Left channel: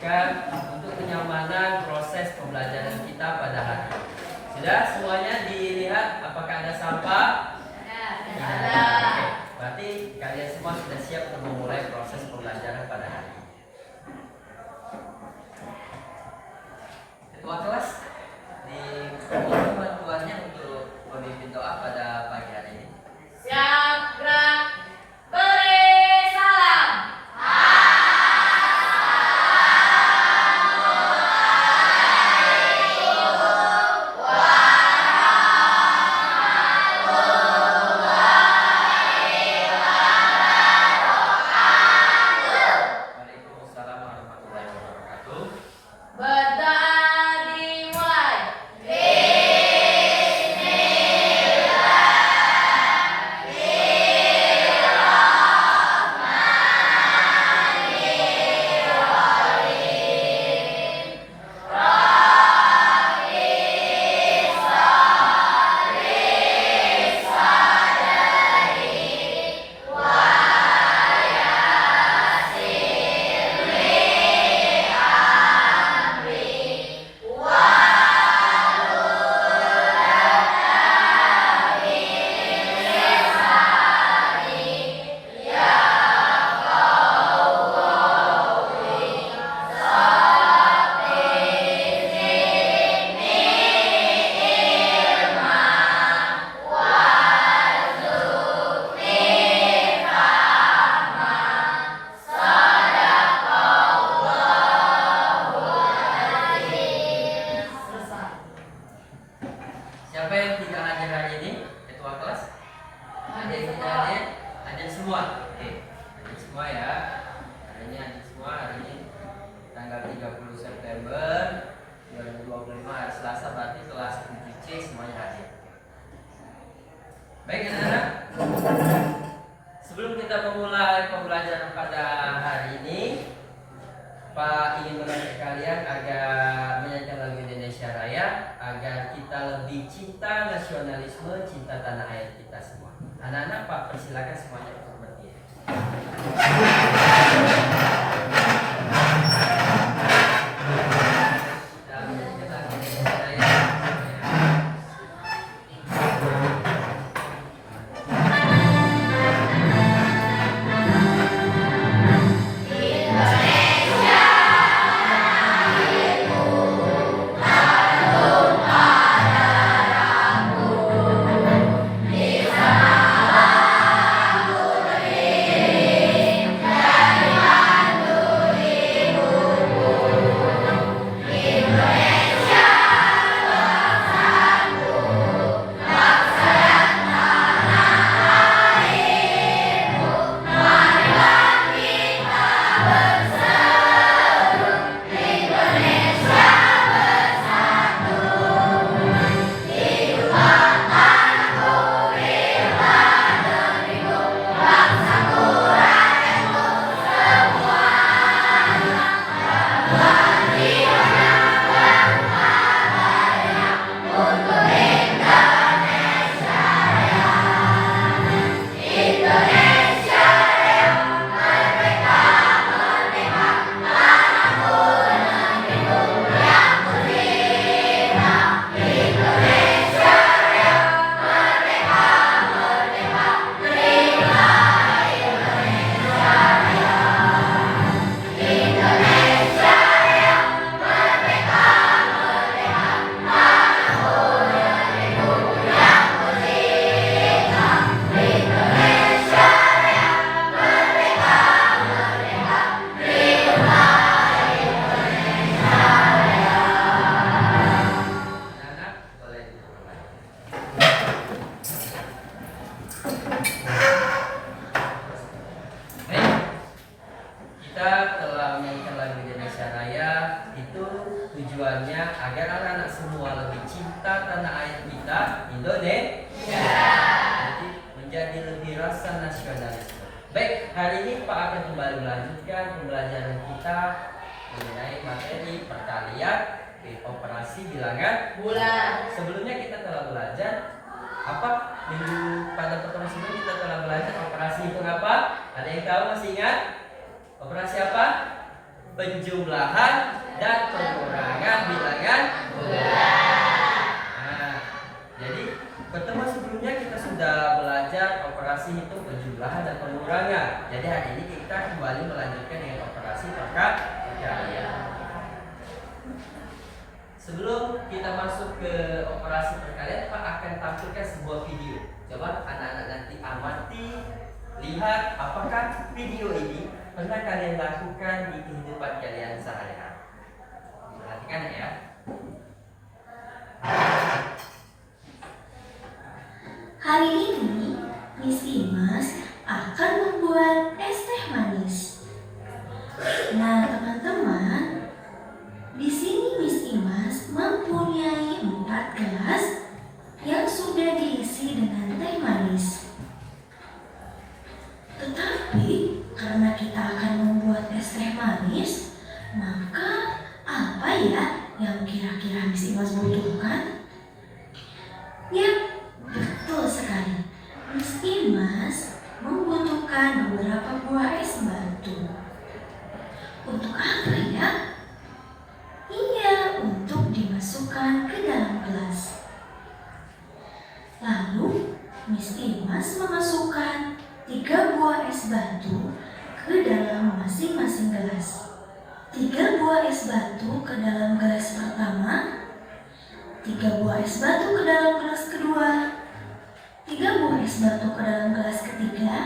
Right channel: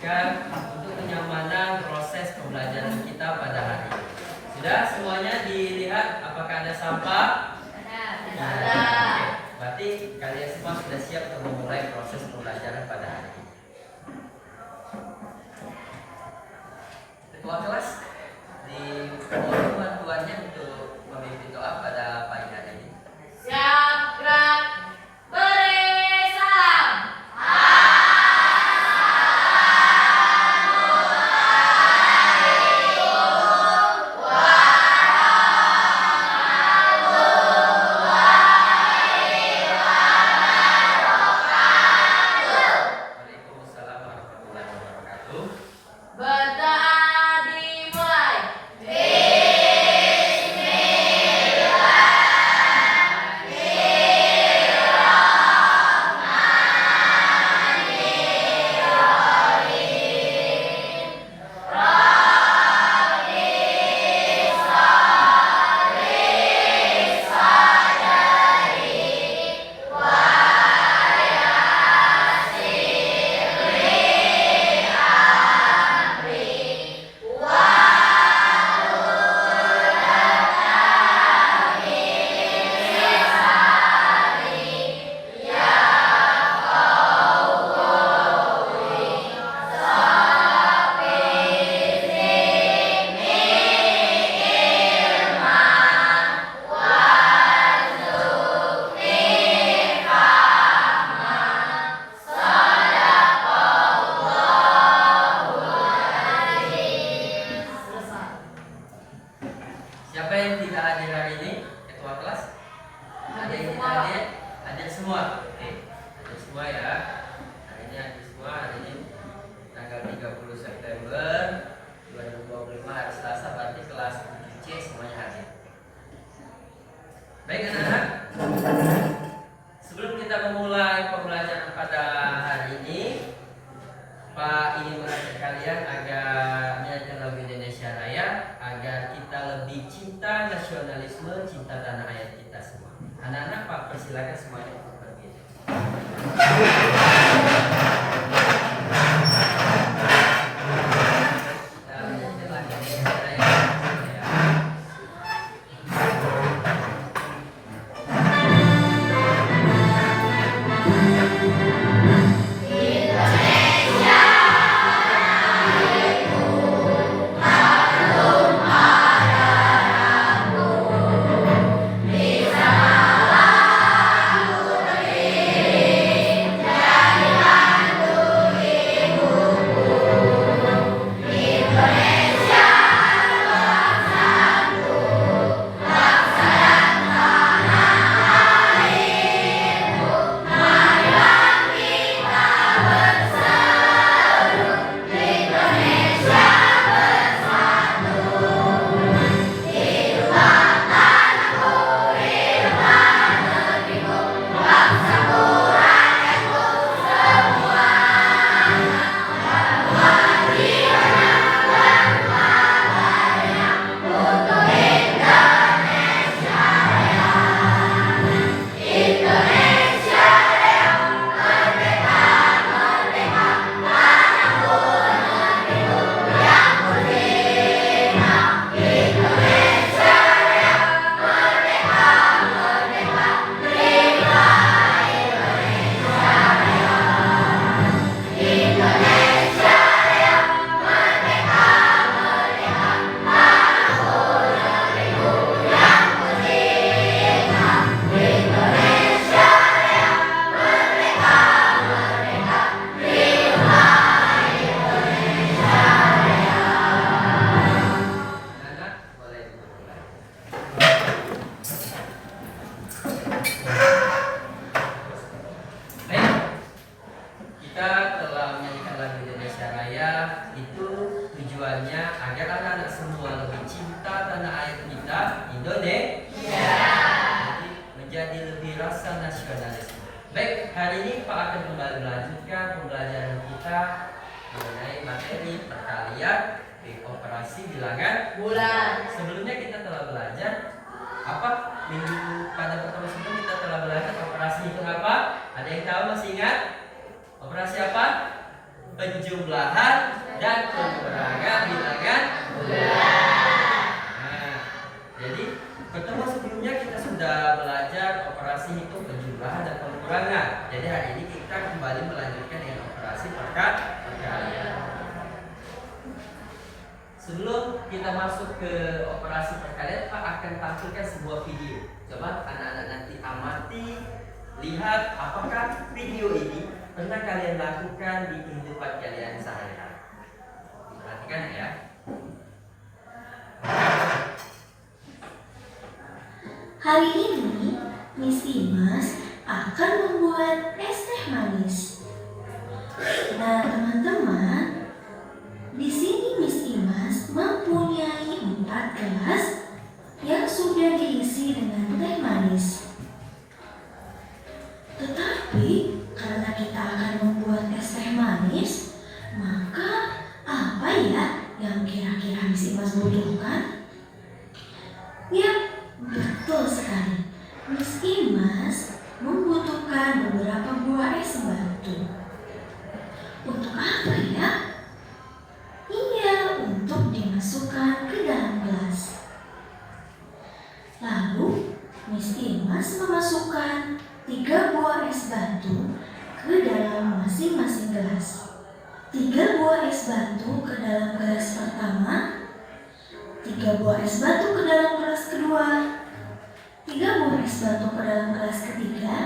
dilanjutkan untuk kenyamanan proses pembelajaran kita pada hari ini. Sudah semuanya dilihat apakah ada sampah? Tidak ada. Oke, berarti kalian semua sudah siap untuk memulai proses pembelajaran pada hari ini. Ketua kelas dimohon bantuannya untuk memimpin doa pada pagi hari ini. Siap, gerak, beri salam. Waalaikumsalam warahmatullahi wabarakatuh. Berdoa dimulai. Siapa yang tidak hadir hari ini? Ketua kelas? Ada yang tidak hadir? Hadir semua? Oke, hadir semua ya. Hari ini hadir semua. Hari ini tanggal 30 September 2025 hari Selasa, berarti kelas 7C semuanya hadir. Baik anak-anak, sebelum kita memulai pembelajaran pada hari ini, Pak ingin mengajak kalian agar menyanyikan lagu Indonesia Raya agar kita lebih cinta nasionalisme, cinta tanah air kita semua. Anak-anak, Pak persilakan semuanya untuk berdiri. Kita menyanyikan lagu Indonesia Raya. Anak-anak, boleh dimulai. Baik, kita telah menyanyikan lagu Indonesia Raya. Itu tujuannya agar anak-anak semua lebih cinta tanah air kita, Indonesia. Jadi menjadi lebih rasa nasionalisme. Baik, hari ini Pak akan kembali melanjutkan pembelajaran kita mengenai materi perkalian operasi bilangan Bulan. Sebelumnya kita telah belajar apa? Minggu pada pertemuan sebelumnya kita telah belajar operasi hitung apa? Ada yang tahu, masih ingat? Operasi apa? penjumlahan dan pengurangan bilangan bulan. Nah, jadi pertemuan sebelumnya kita sudah belajar operasi hitung penjumlahan dan pengurangan. Jadi hari ini kita kembali melanjutkan dengan operasi perkalian. Sebelum kita masuk ke operasi perkalian, Pak akan tampilkan sebuah video. Coba anak-anak nanti amati, lihat apakah video ini pernah kalian lakukan di kehidupan kalian sehari-hari. Perhatikan ya. Hari ini, Miss Imas akan membuat es teh manis. Nah, teman-teman, di sini Miss Imas mempunyai 4 gelas yang sudah diisi dengan teh manis. Tetapi, karena kita akan membuat es teh manis, maka apa ya yang kira-kira Miss Imas butuhkan? Ya, betul sekali. Miss Imas membutuhkan beberapa buah es batu. Untuk apa ya? Iya, untuk dimasukkan ke dalam gelas. Lalu, Miss Imas memasukkan 3 buah es batu ke dalam masing-masing gelas. 3 buah es batu ke dalam gelas pertama, 3 buah es batu ke dalam gelas kedua, 3 buah es batu ke dalam gelas ketiga,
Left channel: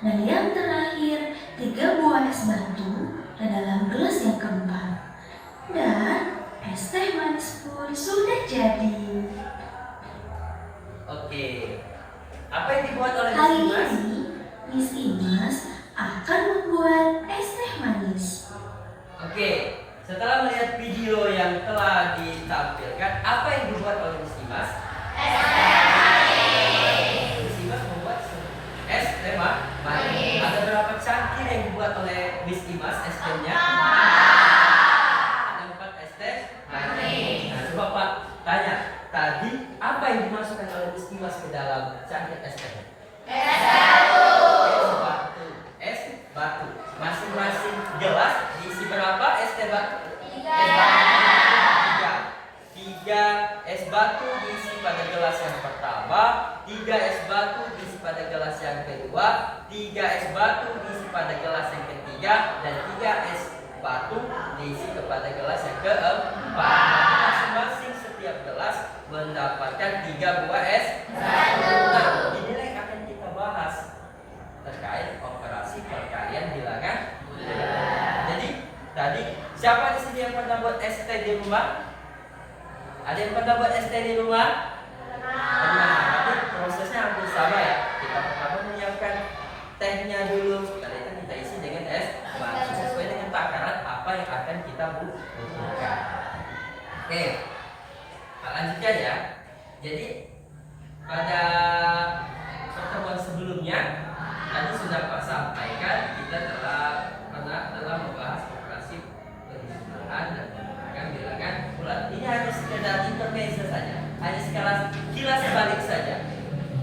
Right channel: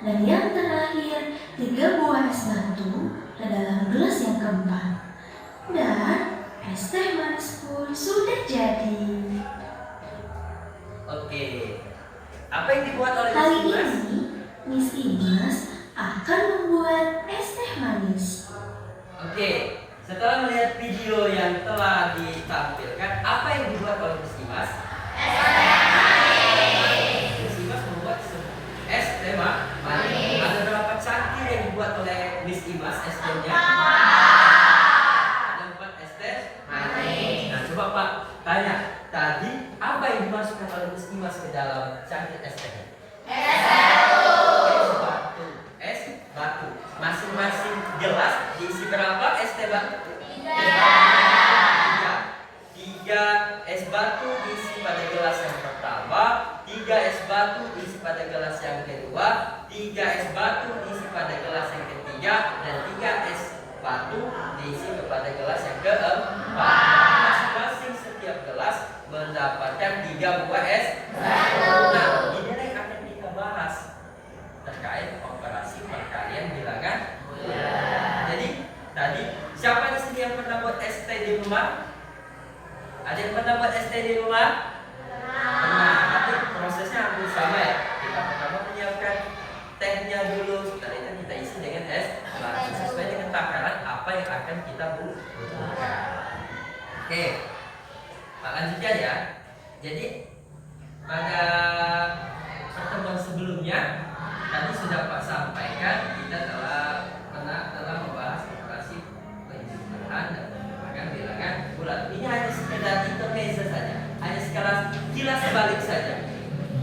dan yang terakhir 3 buah es batu ke dalam gelas yang keempat. Dan es teh manis pun sudah jadi. Oke. Apa yang dibuat oleh Kali Miss Imas? ini Miss Imas akan membuat es teh manis. Oke. Setelah melihat video yang telah ditampilkan, apa yang dibuat oleh Miss Imas? Miss Imas membuat es teh manis. Ada berapa cangkir yang dibuat oleh Miss Imas es tehnya? Ada 4 es teh manis. Nah, coba Pak tanya, tadi apa yang dimasukkan oleh Miss Imas ke dalam cangkir es tehnya? Es batu. Es batu. Masing-masing gelas diisi berapa es teh batu? 3 es batu diisi pada gelas yang pertama, 3 es batu diisi pada gelas yang kedua, 3 es batu diisi pada gelas yang ketiga, dan 3 es batu diisi kepada gelas yang keempat. Masing-masing setiap gelas mendapatkan 3 buah es batu. Nah, inilah yang akan kita bahas terkait operasi perkalian bilangan bulan. Jadi tadi siapa di sini yang pernah buat es teh di rumah? Ada yang pernah buat es teh di rumah? Pernah. Tapi prosesnya hampir sama ya. Kita pertama menyiapkan tehnya dulu. Setelah itu kita isi dengan es batu sesuai dengan takaran apa yang akan kita butuhkan. Oke, kita lanjutkan ya. Jadi pada pertemuan sebelumnya tadi sudah Pak sampaikan kita telah membahas operasi penjumlahan dan pengurangan bilangan bulan. Ini hanya sekedar intermezzo saja, hanya sekedar kilas balik saja.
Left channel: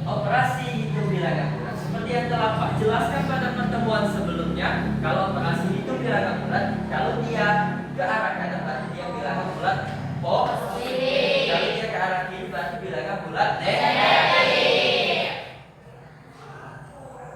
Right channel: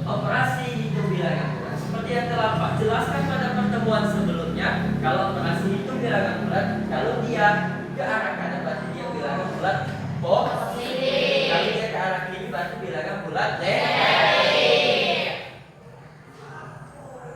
Operasi hitung bilangan bulan seperti yang telah Pak jelaskan pada pertemuan sebelumnya. Kalau operasi hitung bilangan bulan, kalau dia ke arah kanan berarti dia bilangan bulan positif. Kalau dia ke arah kiri berarti bilangan bulan negatif.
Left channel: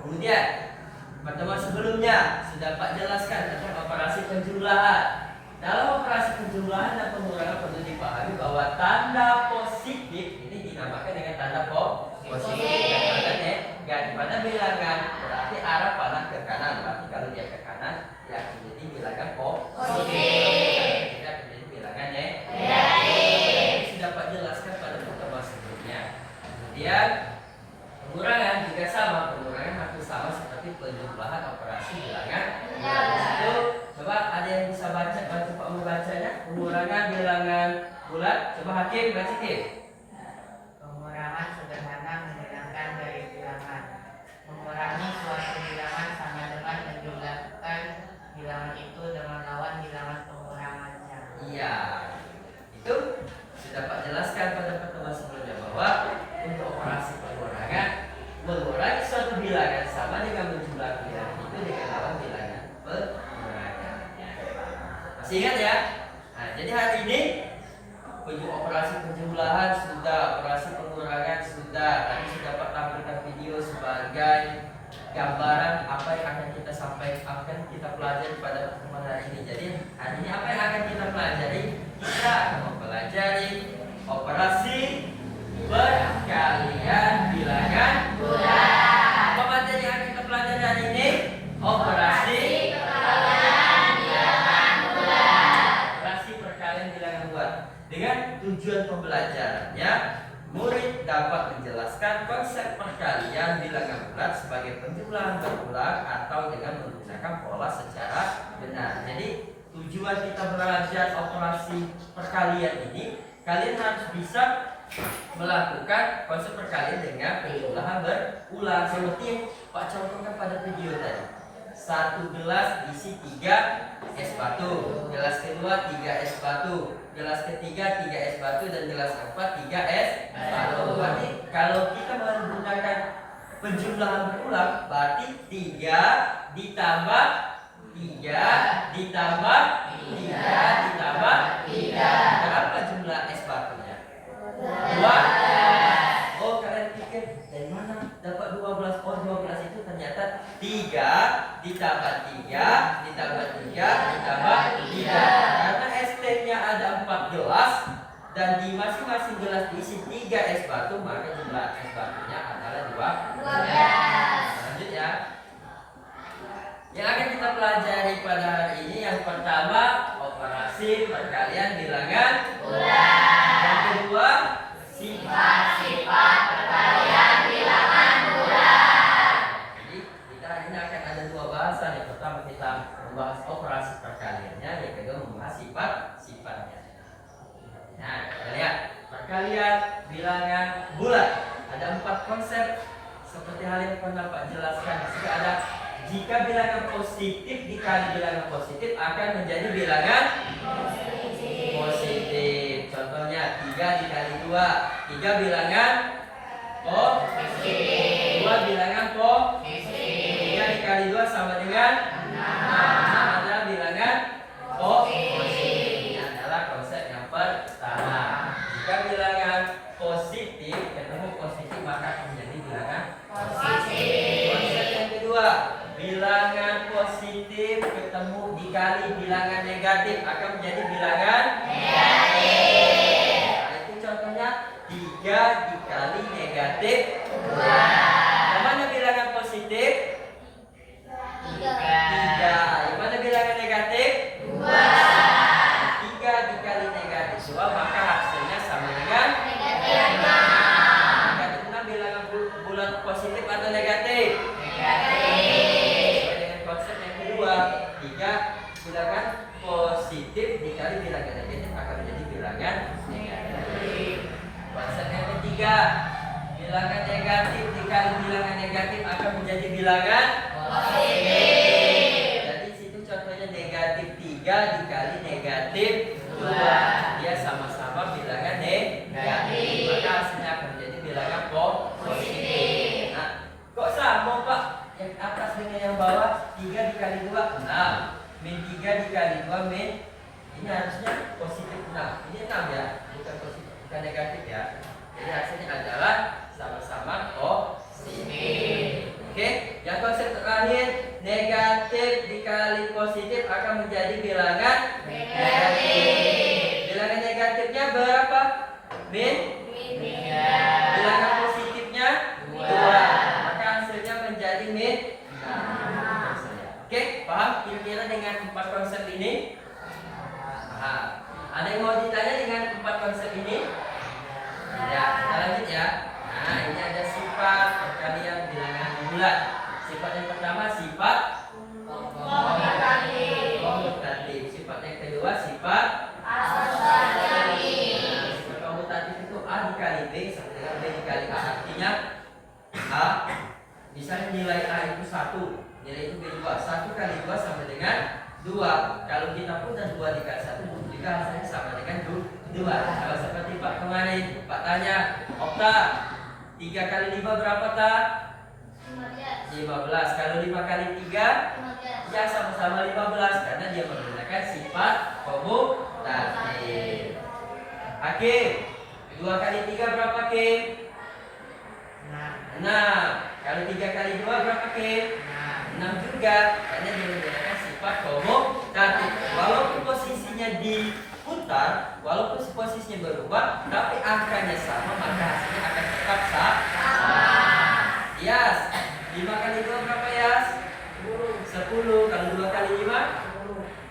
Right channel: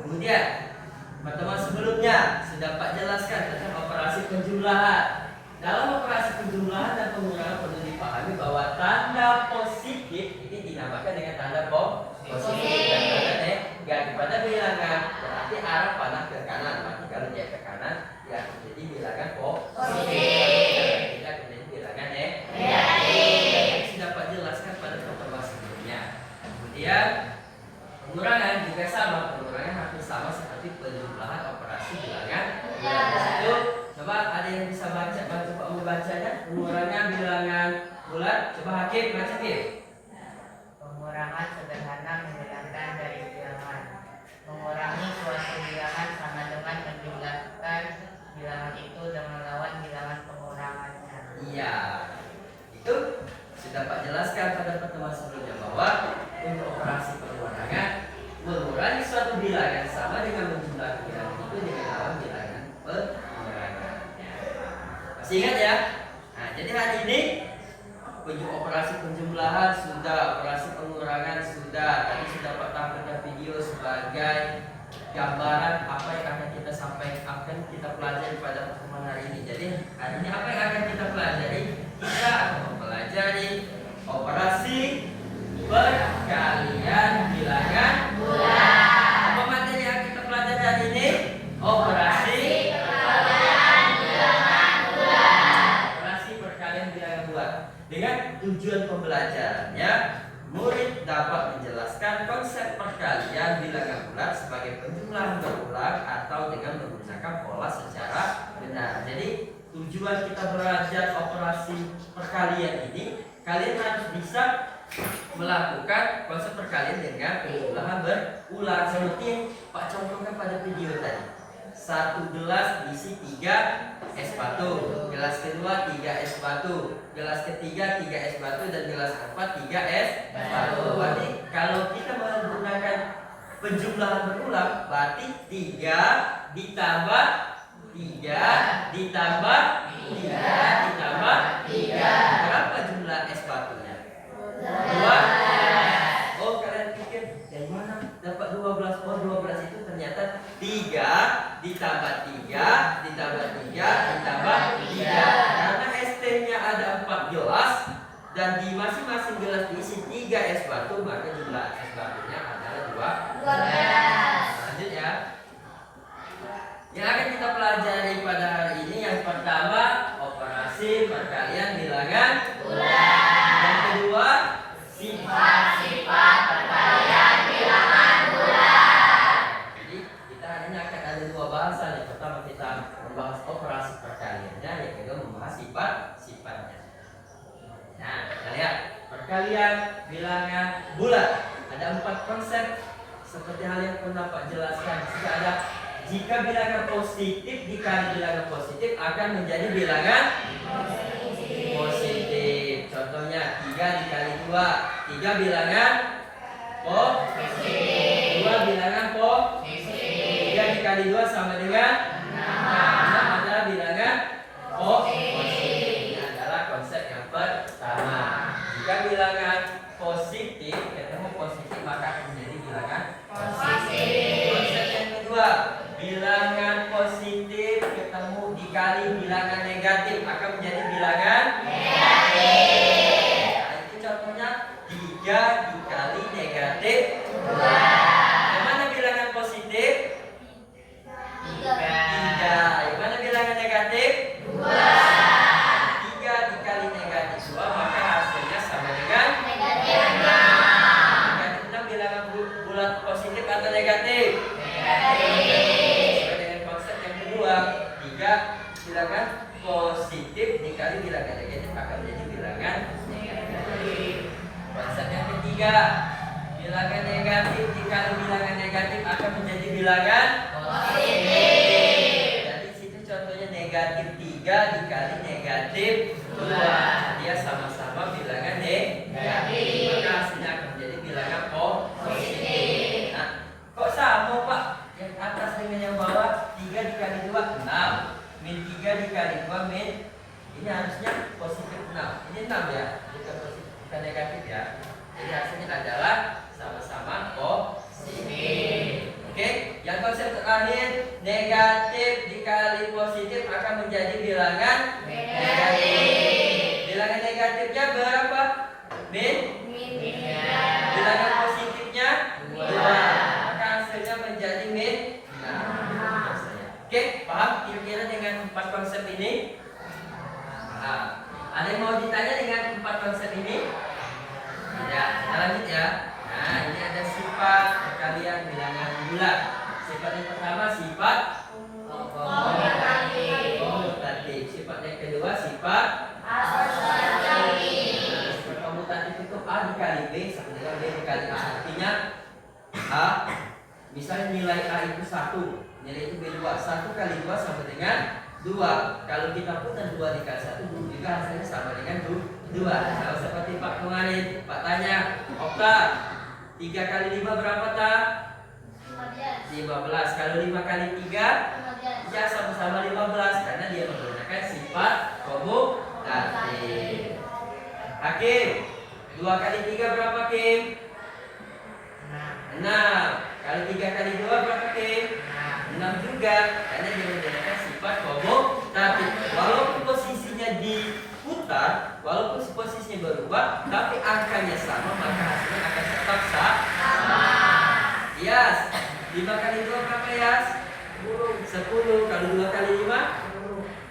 Kemudian pertemuan sebelumnya sudah Pak jelaskan tentang operasi penjumlahan. Dalam operasi penjumlahan dan pengurangan perlu dipahami bahwa tanda positif ini dinamakan dengan tanda positif dan tanda negatif pada bilangan berarti arah panah ke kanan. Berarti kalau dia ke kanan dia akan menjadi bilangan positif. Kita menjadi bilangan negatif. Sudah Pak jelaskan pada pertemuan sebelumnya. Kemudian pengurangan juga sama, pengurangan hampir sama seperti penjumlahan operasi bilangan. Itu coba ada yang bisa baca Pak membacanya? Pengurangan bilangan bulan. Coba Hakim baca Hakim. Pengurangan sederhana menghilangkan dari bilangan. Mengurangi suatu bilangan sama dengan menjumlahkan bilangan itu dengan lawan bilangan pengurangannya. Iya, itu sudah Pak jelaskan pada pertemuan sebelumnya bahwa untuk operasi pengurangan mengurangi suatu bilangan sama dengan menjumlah bilangan itu dengan lawan bilangan pengurangannya. ingat ya. Nah, jadi hari ini operasi penjumlahan sudah, operasi pengurangan sudah. Tadi sudah Pak tampilkan video sebagai gambaran apa yang akan kita sampaikan, akan kita pelajari pada pertemuan hari ini. Jadi hari ini apa yang akan kita pelajari? Kita akan mempelajari operasi perkalian bilangan bulat. Apa materi yang kita pelajari hari ini? Operasi perkalian bilangan bulat. Operasi perkalian bilangan bulat. Dengan tujuan pembelajarannya, murid dapat menjelaskan konsep perkalian bilangan bulat sebagai penjumlahan berulang atau dengan menggunakan pola secara benar. Jadi tujuan kita belajar operasi perkalian ini, kalian harus bisa melakukan konsep perkalian dengan penjumlahan berulang seperti yang Pak contohkan pada video tadi. Satu gelas diisi 3 es batu, gelas kedua 3 es batu, gelas ketiga 3 es batu, dan gelas keempat 3 es batu. Berarti kalau kita menggunakan penjumlahan berulang, berarti 3 ditambah 3 ditambah 3 ditambah 3. Berapa jumlah es batunya? 12. Oh, kalian pikir dari mana dapat 12? Oh, 12 itu ternyata 3 ditambah 3 ditambah 3 ditambah 3. Karena es tehnya ada 4 gelas dan di masing-masing gelas diisi 3 es batu, maka jumlah es batunya adalah 12. Lanjut ya. Yang akan kita pelajari pada hari ini yang pertama operasi perkalian bilangan bulat. Yang kedua sifat-sifat perkalian bilangan bulat. Jadi kita hari ini akan ada 2 bahasan. Yang pertama kita membahas operasi perkaliannya, yang kedua membahas sifat-sifatnya. Nah, kita lihat perkalian bilangan bulat. Ada 4 konsep seperti hal yang pernah Pak jelaskan. Jika bilangan positif dikali bilangan positif akan menjadi bilangan positif. Contohnya 3 dikali 2, 3 bilangan positif, 2 bilangan positif, 3 dikali 2 sama dengan 6 adalah bilangan positif. Ini adalah konsep yang pertama. Jika bilangan positif ketemu positif maka akan menjadi bilangan positif. Konsep yang kedua, bilangan positif ketemu dikali bilangan negatif akan menjadi bilangan negatif. Nah, itu contohnya 3 dikali negatif 2. Yang mana bilangan positif? 3. Yang mana bilangan negatif? 2. 3 dikali negatif 2 maka hasilnya sama dengan negatif 6. Negatif 6 bilangan bulat positif atau negatif? Negatif. Bilangan positif dikali bilangan negatif akan menjadi bilangan negatif. Konsep yang ketiga, bilangan negatif dikali bilangan negatif akan menjadi bilangan positif. Jadi situ contohnya negatif 3 dikali negatif 2. Dia sama-sama bilangan negatif, maka hasilnya akan menjadi bilangan positif. Nah, kok sama Pak? Yang atas dengan yang bawah, 3 dikali 2 6. Min 3 dikali 2 min, ini harusnya positif 6. Ini 6 ya, bukan positif, bukan negatif ya. Jadi hasilnya adalah sama-sama positif. Oke, yang konsep terakhir, negatif dikali positif akan menjadi bilangan negatif. Bilangan negatifnya berapa? Min 3. Bilangan positifnya 2. Maka hasilnya menjadi min 6. Oke, paham kira-kira dengan 4 konsep ini? Nah, ada yang mau ditanya dengan 4 konsep ini? Tidak, kita lanjut ya. Nah, ini ada sifat perkalian bilangan bulat. Sifat yang pertama sifat komutatif. Sifat yang kedua sifat asosiatif. Sifat komutatif itu A dikali B sama dengan B dikali A. Artinya A, misalnya nilai A itu 1, nilai itu B2, 1 kali 2 sama dengan 2. Kalau kita putar 2 dikali 1 juga hasilnya sama dengan 2. Kalau seperti Pak kemarin, Pak tanya, Okta 3 kali 5 berapa tak? 15. Kalau 5 kali 3 ya sama-sama 15 karena dia menggunakan menggunakan sifat komutatif. Hakim, 2 kali 3 berapa Hakim? 6. Kali 3 kali 2 berapa Hakim? 6 juga, karena dia menggunakan sifat komutatif. Walaupun posisinya diputar, walaupun posisinya berubah, tapi angkanya sama, maka hasilnya akan tetap sama. Yas, 5 kali 2 berapa Yas? 10. Kali 2 kali 5?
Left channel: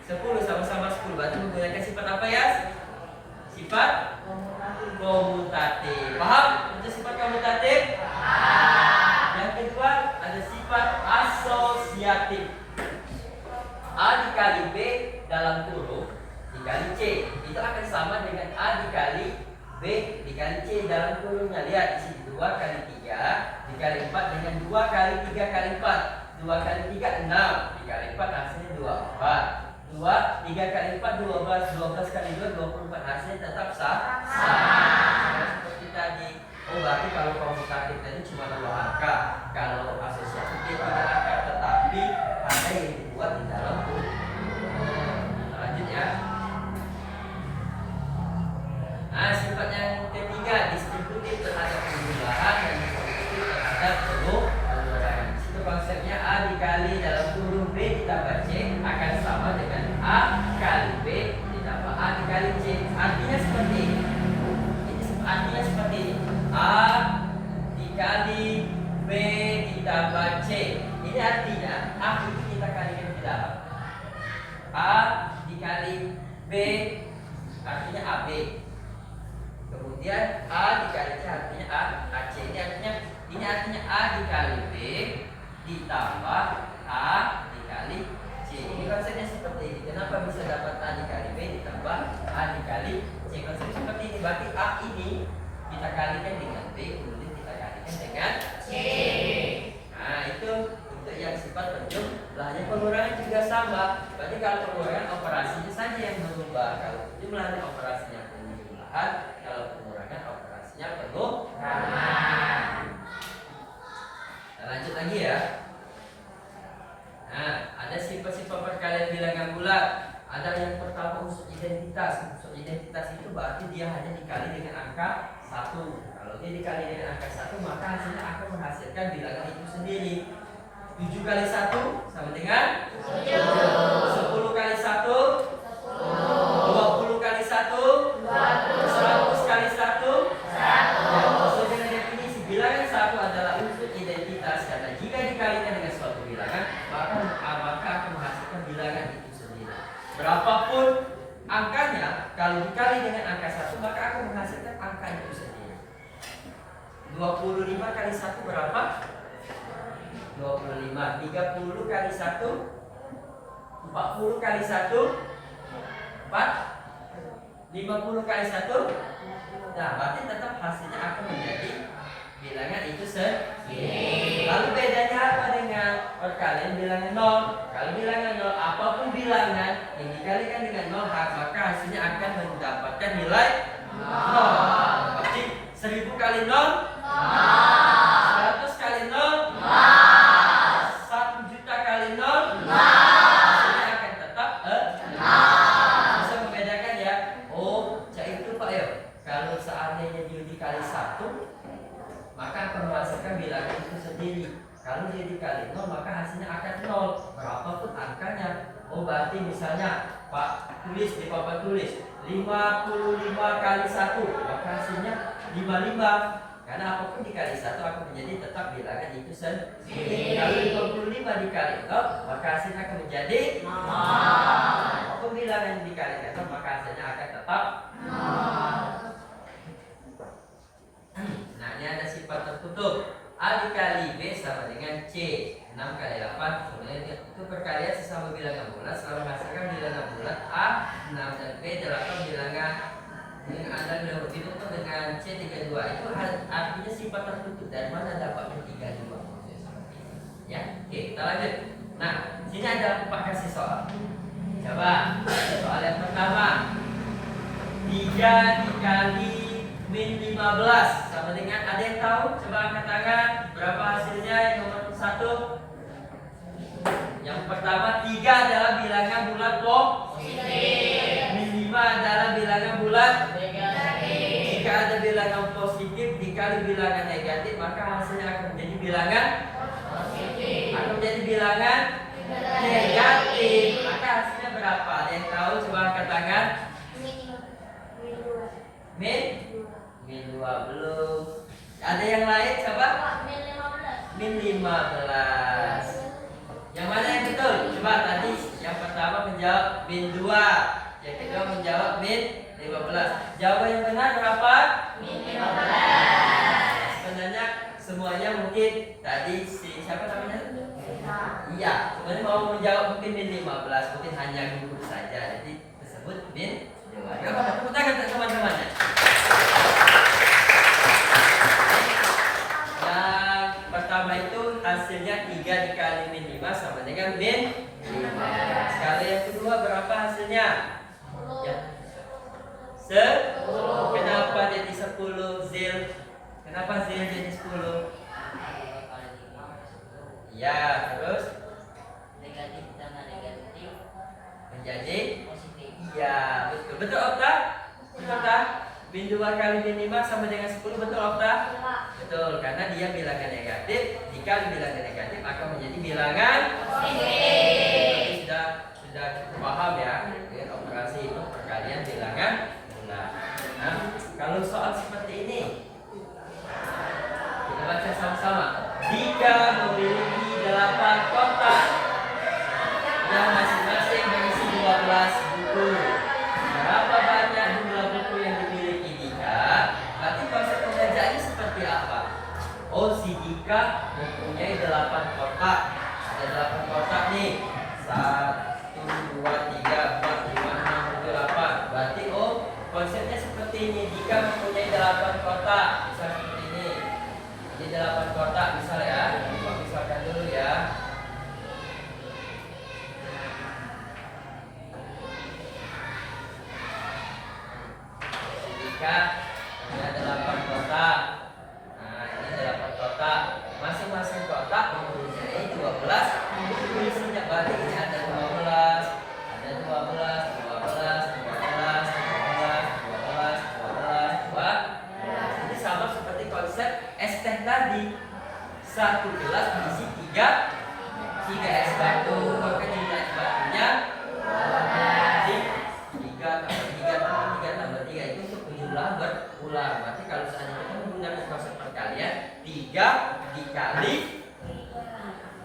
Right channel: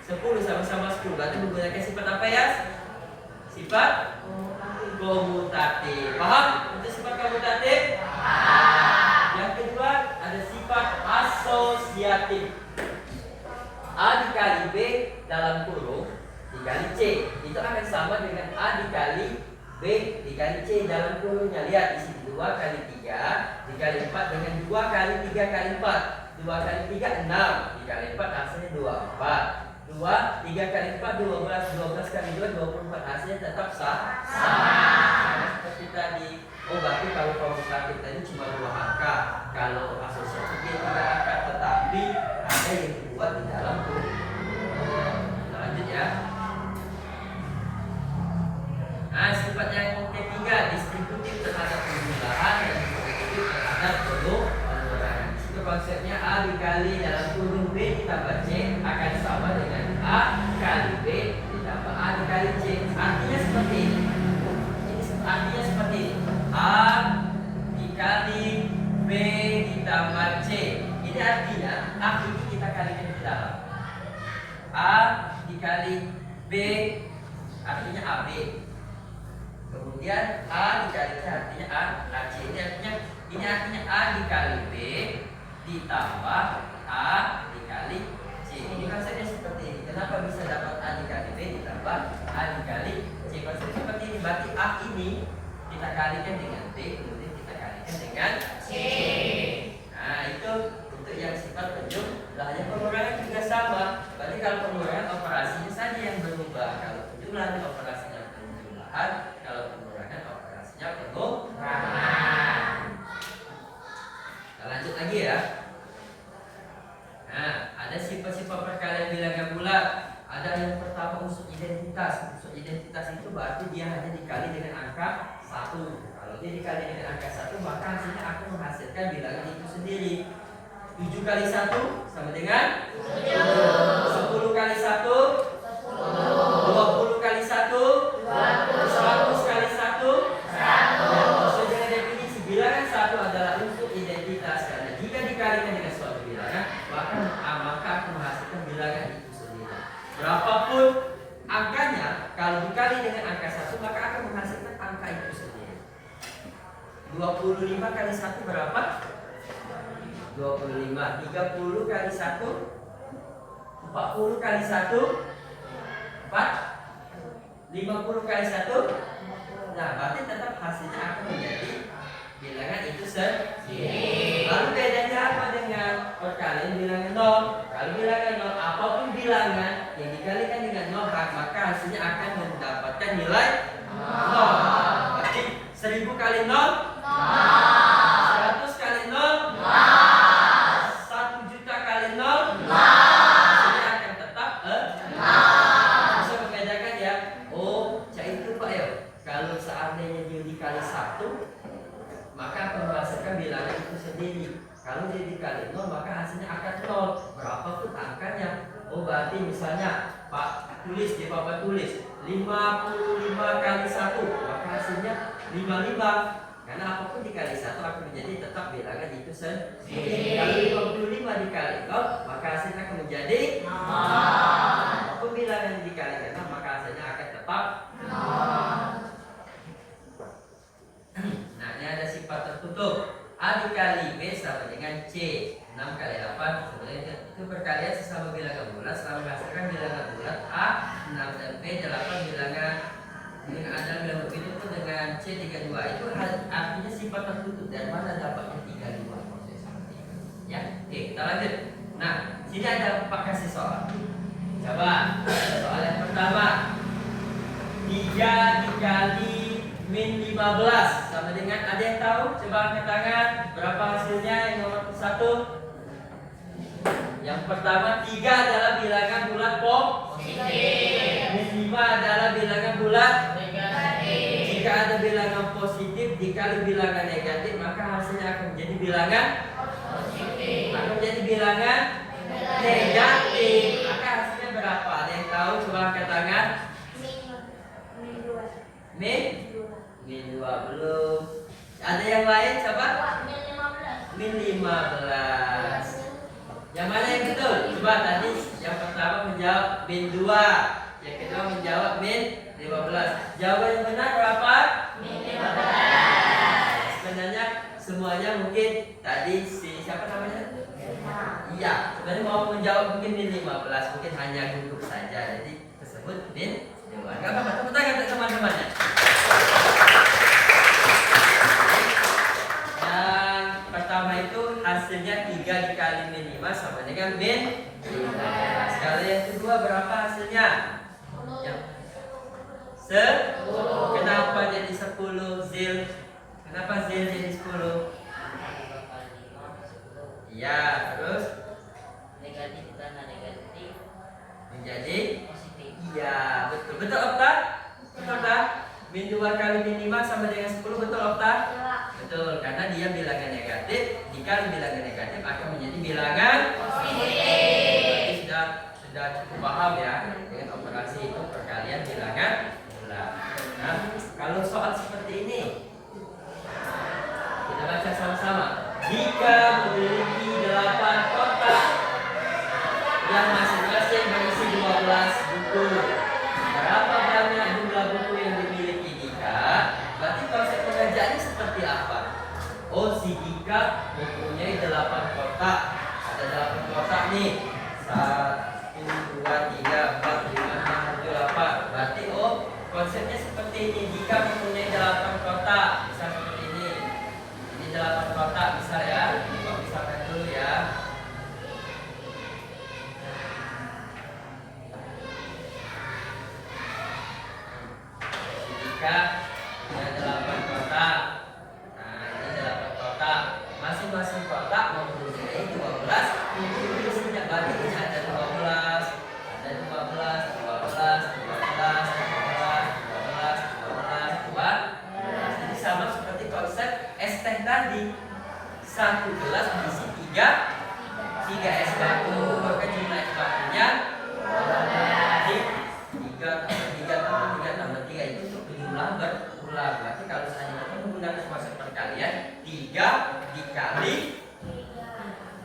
10, sama-sama 10. Berarti menggunakan sifat apa Yas? Sifat komutatif. Paham? Untuk sifat komutatif? Yang kedua ada sifat asosiatif. A dikali B dalam kurung dikali C itu akan sama dengan A dikali B dikali C dalam kurungnya. Lihat di sini 2 kali 3 dikali 4 dengan 2 kali 3 kali 4. 2 kali 3 6 dikali 4 hasilnya 24. 2 3 kali 4 12. 12 kali 2 24. Hasilnya tetap sama seperti tadi. Oh, berarti kalau komutatif tadi cuma 2 angka. Kalau asosiatif 3 angka, tetapi ada yang dibuat di dalam kurung. Kita lanjut ya. Nah, sifat yang ketiga distributif terhadap penjumlahan dan distributif terhadap pengurangan. Itu konsepnya A dikali dalam kurung B ditambah C akan sama dengan A kali B ditambah A dikali C. Artinya seperti ini. Artinya seperti ini. A dikali B ditambah C. Ini artinya A ini kita kalikan di dalam. A dikali B artinya AB. Kemudian A dikali C artinya AC. Ini artinya A dikali B ditambah A dikali C. Ini konsepnya seperti ini. Kenapa bisa dapat A dikali B ditambah A dikali C? Konsepnya seperti ini. Berarti A ini kita kalikan dengan B, kemudian kita kalikan dengan C. Nah, itu untuk yang sifat penjumlahan. Pengurangan juga sama. Berarti kalau pengurangan operasinya saja yang berubah. Kalau penjumlahan operasinya penjumlahan, kalau pengurangan operasinya pengurangan. Nah, lanjut lagi ya. Nah, ada sifat-sifat perkalian bilangan bulat. Ada yang pertama unsur identitas. Unsur identitas itu berarti dia hanya dikali dengan angka 1. Kalau dia dikali dengan angka 1, maka hasilnya akan menghasilkan bilangan itu sendiri. 7 kali 1 sama dengan 10 kali 1 20 kali 1 100 kali 1 100. Dengan definisi bilangan 1 adalah unsur identitas, karena jika dikalikan dengan suatu bilangan maka akan menghasilkan bilangan itu sendiri. Berapapun angkanya, kalau dikali dengan angka 1 maka akan menghasilkan angka itu sendiri. 25 kali 1 berapa? 25. 30 kali 1 40 kali 1 4. 50 kali 1. Nah, berarti tetap hasilnya akan menjadi bilangan itu sendiri. Lalu bedanya apa dengan perkalian bilangan 0? Kalau bilangan 0, apapun bilangan yang dikalikan dengan 0, maka hasilnya akan mendapatkan nilai 0. Berarti 1000 kali 0 100 kali 0 1 juta kali 0 hasilnya akan tetap bisa membedakan ya. Oh, itu Pak ya. Kalau seandainya dia dikali 1, maka akan menghasilkan bilangan itu sendiri. Kalau dia dikali 0, maka hasilnya akan 0 berapapun angkanya. Oh, berarti misalnya Pak tulis di papan tulis 55 kali 1, maka hasilnya 55. Karena apapun dikali 1 akan menjadi tetap bilangan itu sendiri. Kalau 55 dikali 0, maka hasilnya akan menjadi 0. Apapun bilangan yang dikalikan 0, maka hasilnya akan tetap 0. Nah, ini ada sifat tertutup. A dikali B sama dengan C. 6 kali 8. Kemudian itu perkalian sesama bilangan bulat setelah menghasilkan bilangan bulat A 6 dan B 8 bilangan dengan ada bilangan begitu pun dengan C 32. Itu artinya sifat tertutup. Dari mana dapatnya 32? Seperti itu. Ya, oke, kita lanjut. Nah, sini ada 4 kasih soal. Coba soal yang pertama. 3 dikali min 15 sama dengan, ada yang tahu? Coba angkat tangan. Berapa hasilnya? Yang nomor 1. Yang pertama, 3 adalah bilangan bulat Min 5 adalah bilangan bulat. Negatif. Jika ada bilangan positif dikali bilangan negatif, maka hasilnya akan menjadi bilangan Positif. akan menjadi bilangan negatif. Maka hasilnya berapa? Ada yang tahu? Coba angkat tangan. Min 2 belum. Ada yang lain coba? Min 15. Yang mana yang betul? Coba tadi yang pertama menjawab min 2, yang kedua menjawab min 15. Jawaban yang benar berapa? Min 15. Sebenarnya semuanya mungkin tadi si siapa namanya? Iya, sebenarnya mau menjawab mungkin min 15, mungkin hanya gugup saja. Jadi tersebut min 2. Enggak apa-apa, tepuk tangan untuk teman-temannya. Yang pertama itu hasilnya 3 dikali min 5 sama dengan min 15. Kalau yang kedua berapa hasilnya? Yang 10. Kenapa jadi 10 zil? Kenapa zil jadi 10? Ya, terus Negatif tambah negatif menjadi positif. iya, betul. Betul Okta? Betul Okta? Min 2 kali min 5 sama dengan 10, betul Okta? Betul, karena dia bilangan negatif, dikali bilangan negatif akan menjadi bilangan Positif. Berarti sudah cukup paham ya dengan operasi itu perkalian bilangan bulat. Nah, kalau soal seperti ini kita baca sama-sama. Jika memiliki 8 kotak yang masing-masing berisi 12 buku, berapa banyak jumlah buku yang dimiliki Dika? Berarti konsep pengerjaannya seperti apa? Oh, si Dika mempunyai 8 kotak. Ada 8 kotak nih. 1, 2, 3, 4, 5, 6, 7, 8. Berarti oh, konsepnya seperti ini. Dika mempunyai 8 kotak. Bisa seperti ini. Ini 8 kotak, misal ya. Coba misalkan dulu ya. Jika punya 8 kotak. Nah, ini 8 kotak. Masing-masing kotak mempunyai 12 buku isinya. Berarti ini ada 12, ada 12, 12, 12, 12, 12, 12. Ini sama seperti konsep es teh tadi. Satu gelas berisi 3 es batu. Maka jumlah es batunya 3 tambah 3 tambah 3 itu untuk penjumlahan berulang. Berarti kalau seandainya kita menggunakan konsep perkalian, 3 dikali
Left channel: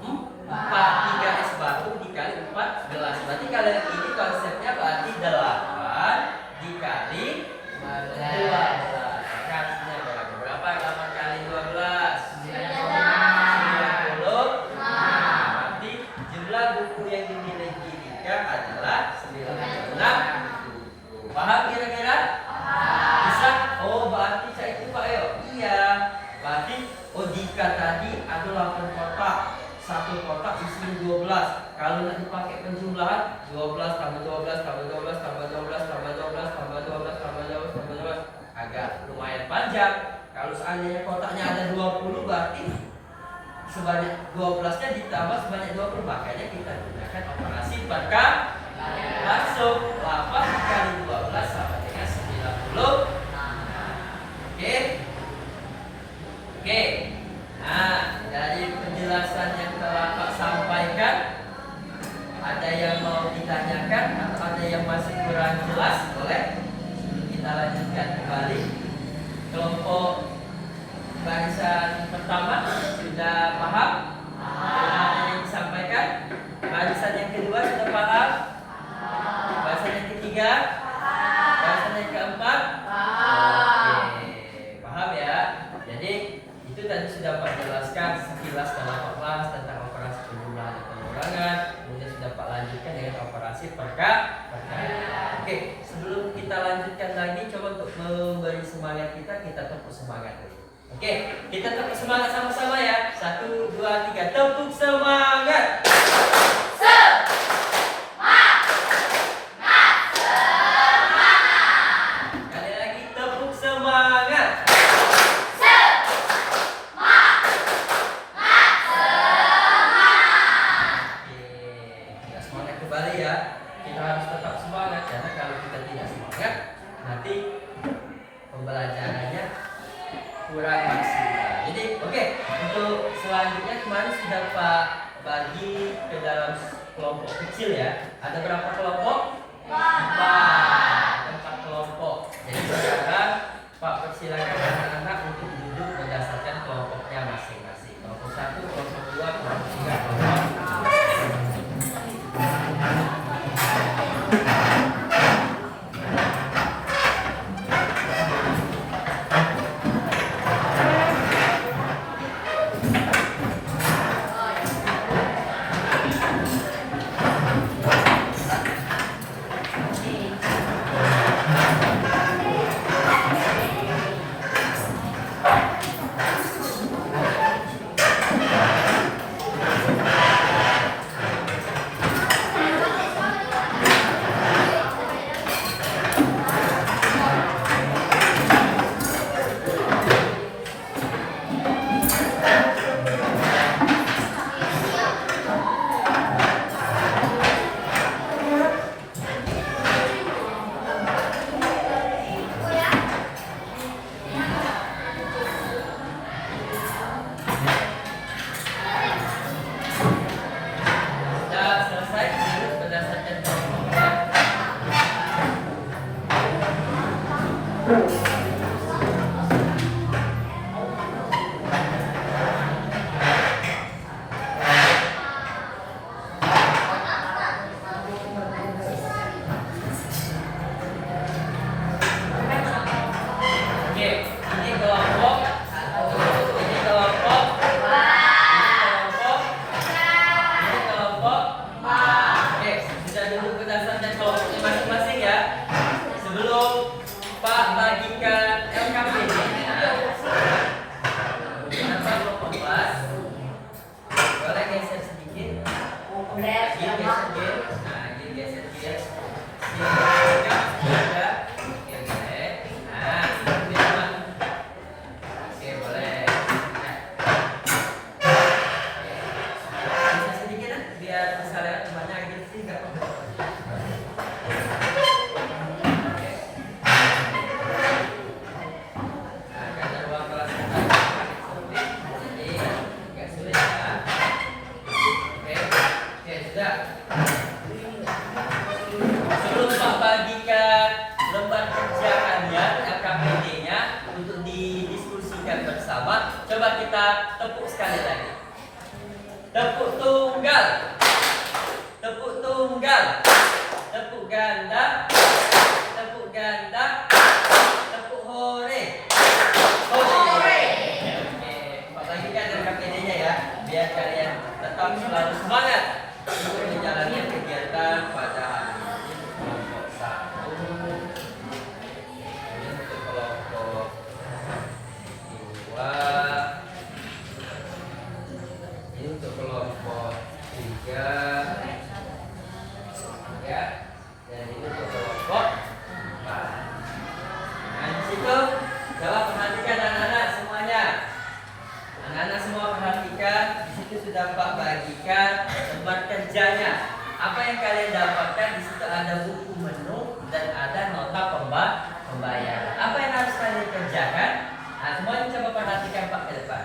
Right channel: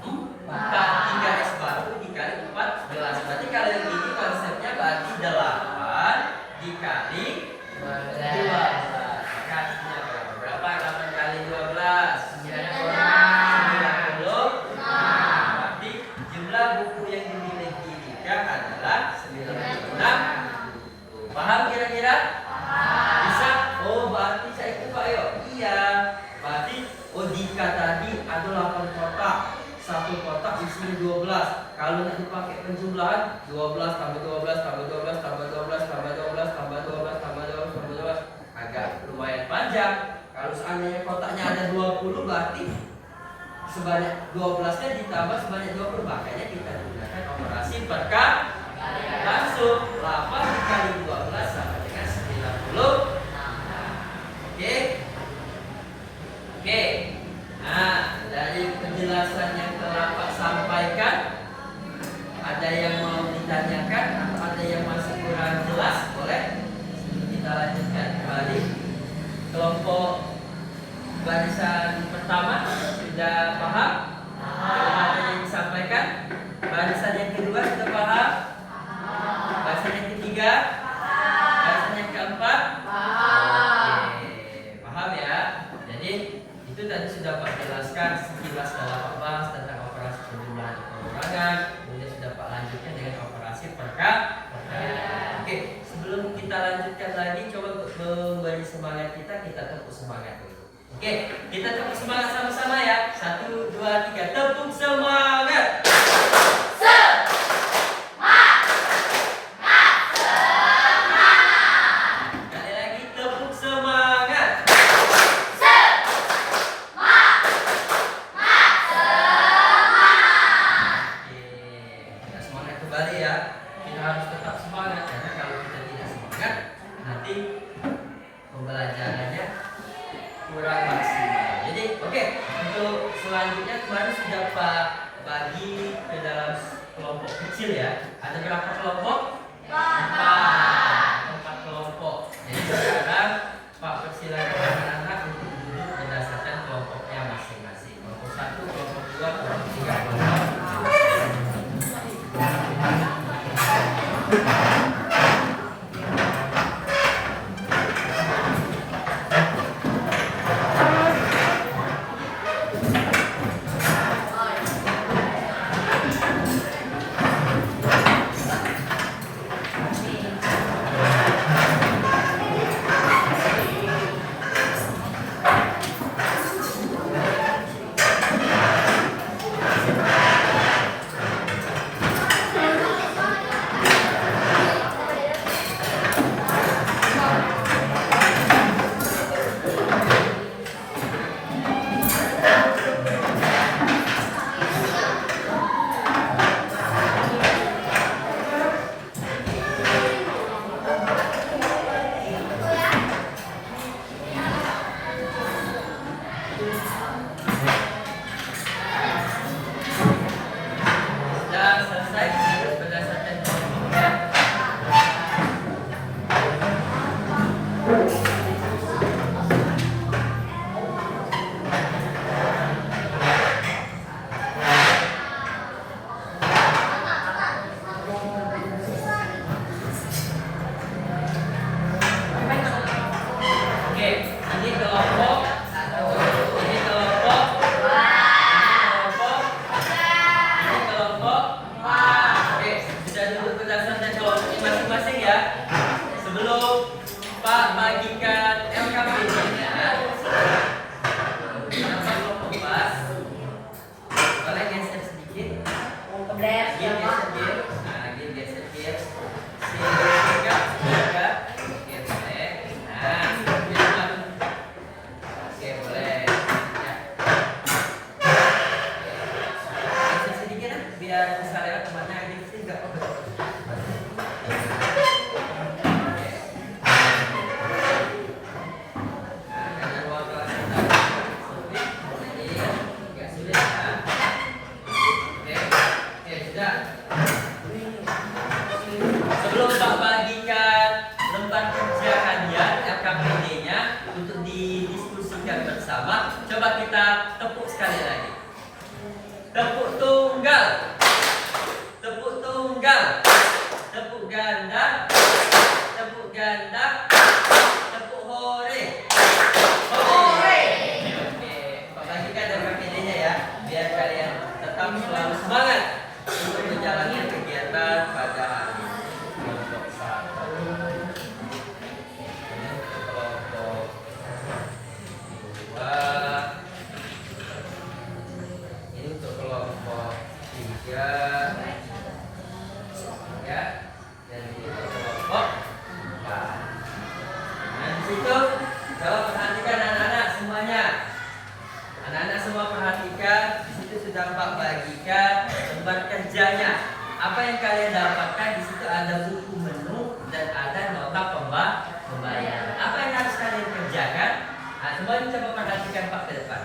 4, 3 es batu dikali 4 gelas. Berarti kalau yang ini konsepnya berarti 8 dikali 12. Kasihnya berapa? Berapa 8 kali 12? 90. Berarti jumlah buku yang dimiliki Dika adalah 96. Paham kira-kira? Bisa? Oh, berarti saya ikut Pak Yo. Iya. Berarti oh Dika tadi ada 8 kotak. Satu kotak isinya 12. Kalau nak dipakai penjumlahan 12 tambah 12 tambah 12 tambah 12 tambah 12 tambah 12 tambah 12 tambah 12 agak lumayan panjang. Kalau seandainya kotaknya ada 20 berarti sebanyak 12-nya ditambah sebanyak 20. Makanya kita gunakan operasi perkalian. Langsung 8 kali 12 sama dengan 90. Oke. Oke. Nah, dari penjelasan yang telah Pak sampaikan, ada yang mau ditanyakan atau ada yang masih kurang jelas? Boleh? Kita lanjutkan kembali. Kelompok barisan pertama sudah paham? Apa yang disampaikan? Barisan yang kedua sudah paham? Barisan yang ketiga? Barisan yang keempat? Oke, paham ya? Jadi itu tadi sudah Pak jelaskan sekilas dalam kelas tentang operasi penjumlahan dan pengurangan. Kemudian sudah Pak lanjutkan dengan operasi perkalian. Oke, sebelum kita lanjutkan lagi, coba untuk memberi semangat kita tepuk semangat dulu. Oke, kita tepuk semangat sama-sama ya. 1, 2, 3, tepuk semangat. Sekali lagi tepuk semangat. Oke, semangat kembali ya. Kita harus tetap semangat. Oke, ini kelompok, ini kelompok, ini kelompok. Oke, sudah duduk berdasarkan kelompoknya masing-masing ya. Sebelum Pak bagikan LKPD-nya, Pak kelompok pas, boleh geser sedikit. Gil geser gil, nah gil geser gil. Tiga. Oke boleh. Nah, dua. Oke boleh. Ya. Geser sedikit lah, biar bisa lewat kemana aja sih nggak apa-apa. Oke. Nah, karena ruang kelas kita sulit, jadi nggak sulit ya. Oke, sudah. Sebelum Pak bagikan lembar kerja kalian LKPD-nya untuk didiskusikan bersama, coba kita tepuk sekali lagi. Tepuk tunggal, tepuk tunggal, tepuk ganda, tepuk ganda, tepuk hore, hore. Oke, Pak bagikan LKPD-nya ya, biar kalian tetap selalu semangat untuk menjalankan kegiatan pada hari ini. Kelompok satu, ini untuk kelompok dua, ini untuk kelompok tiga, ya, dan ini untuk kelompok empat. Nah di situ coba perhatikan anak-anak semuanya. Anak-anak semua perhatikan, di situ sudah Pak bagikan lembar kerjanya. Apa yang kalian dapatkan di situ ada buku menu dan ada nota pembayaran. Apa yang harus kalian kerjakan? Nah, semuanya coba perhatikan Pak ke depan.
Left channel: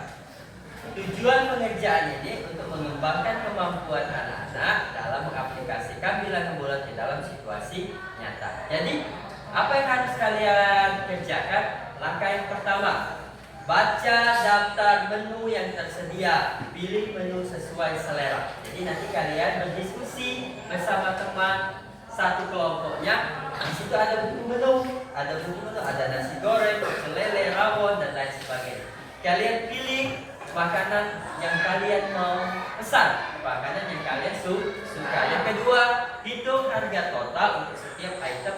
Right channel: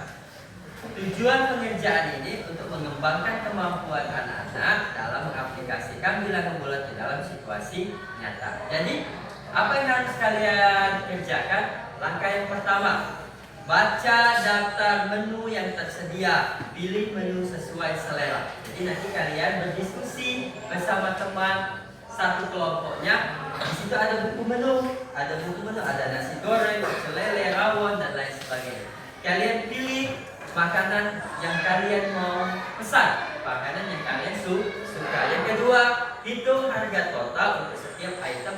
Tujuan pengerjaan ini untuk mengembangkan kemampuan anak-anak dalam mengaplikasikan bilangan bulat di dalam situasi nyata. Jadi, apa yang harus kalian kerjakan? Langkah yang pertama, baca daftar menu yang tersedia, pilih menu sesuai selera. Jadi nanti kalian berdiskusi bersama teman satu kelompoknya. Di situ ada buku menu, ada nasi goreng, pecel lele, rawon dan lain sebagainya. Kalian pilih makanan yang kalian mau pesan, makanan yang kalian suka. Yang kedua, hitung harga total untuk setiap item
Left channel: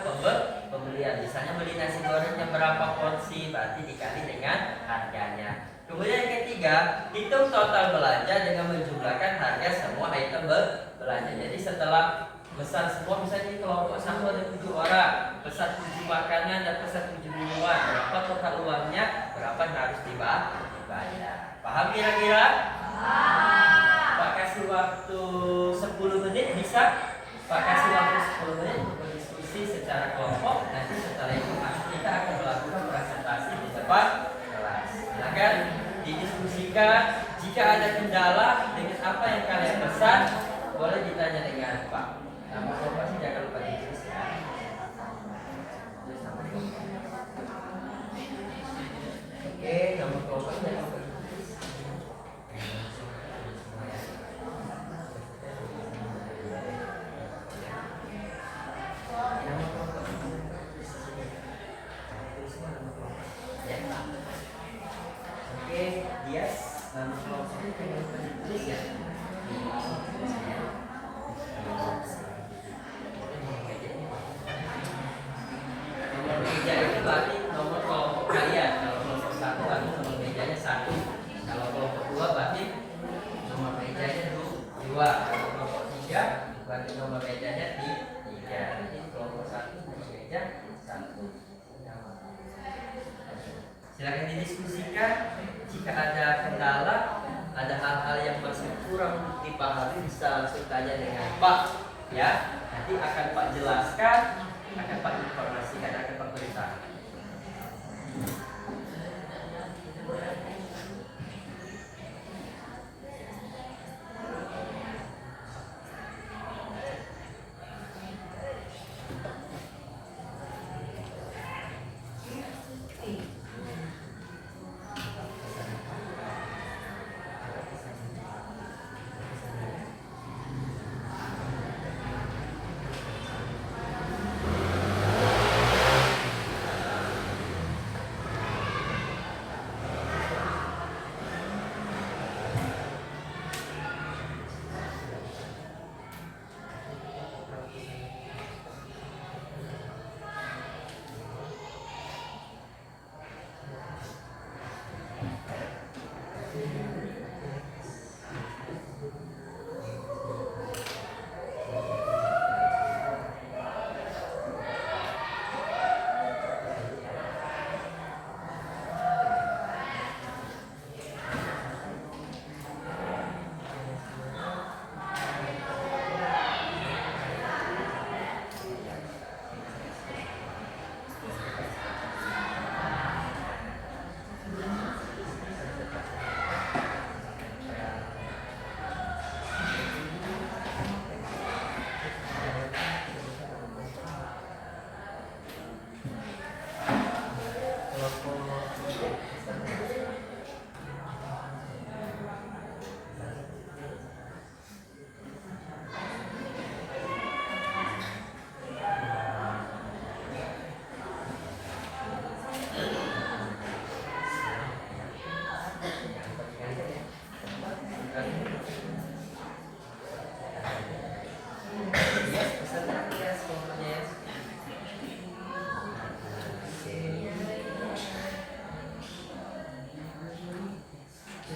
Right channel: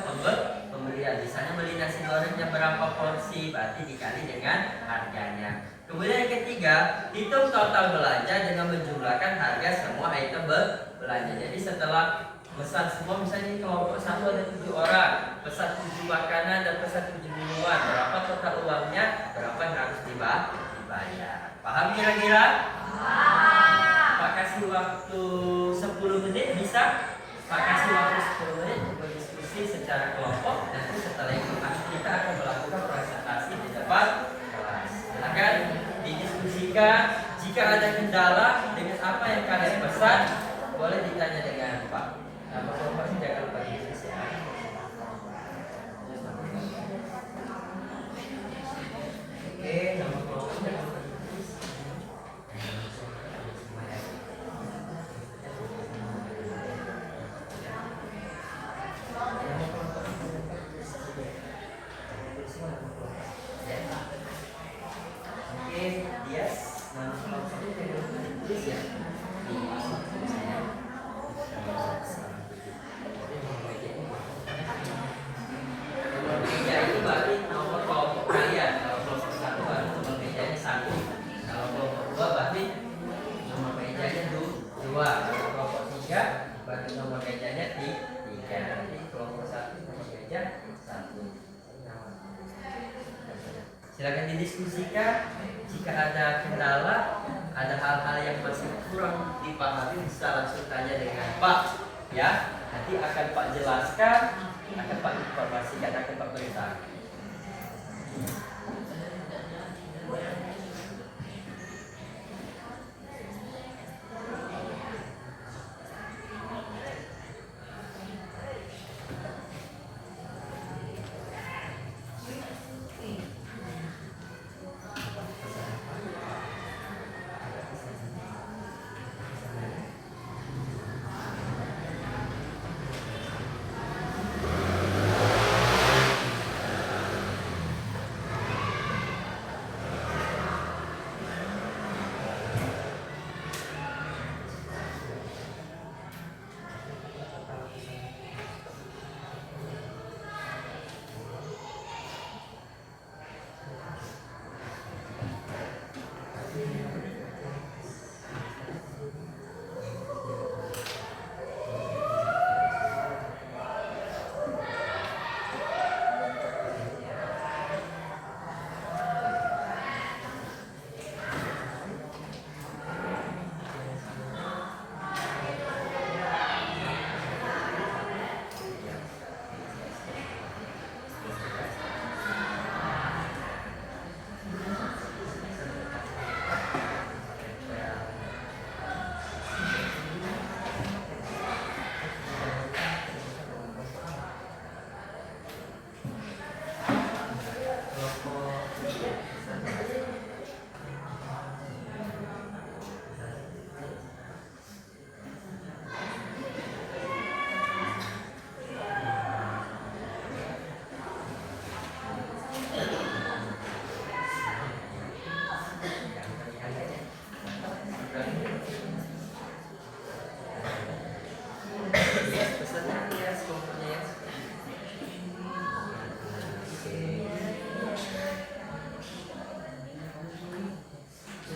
pembelian. Misalnya beli nasi gorengnya berapa porsi, berarti dikali dengan harganya. Kemudian yang ketiga, hitung total belanja dengan menjumlahkan harga semua item belanja. Jadi setelah pesan semua, misalnya di kelompok satu ada 7 orang, pesan 7 makanan dan pesan 7 minuman, berapa total uangnya, berapa yang harus dibayar. Paham kira-kira? Pak kasih waktu 10 menit bisa? Pak kasih waktu 10 menit untuk berdiskusi secara kelompok. Nanti setelah itu kita akan melakukan presentasi di depan kelas. Silakan didiskusikan. Jika ada kendala dengan apa yang kalian pesan, boleh ditanya dengan Pak. Nama kelompoknya jangan lupa ditulis ya. Oke, nama kelompoknya jangan lupa ditulis. Oke, Dias, nama kelompoknya jangan lupa ditulis ya. Nomor meja itu berarti nomor kelompok kalian. Kalau kelompok satu berarti nomor mejanya 1. Kalau kelompok 2 berarti nomor mejanya 2. Kalau kelompok 3 berarti nomor mejanya 3. Jadi kelompok 1 nomor meja 1. Silakan didiskusikan. Jika ada kendala, ada hal-hal yang masih kurang dipahami, bisa langsung tanya dengan Pak. Ya, nanti akan Pak jelaskan, akan Pak informasikan, akan Pak beritahu.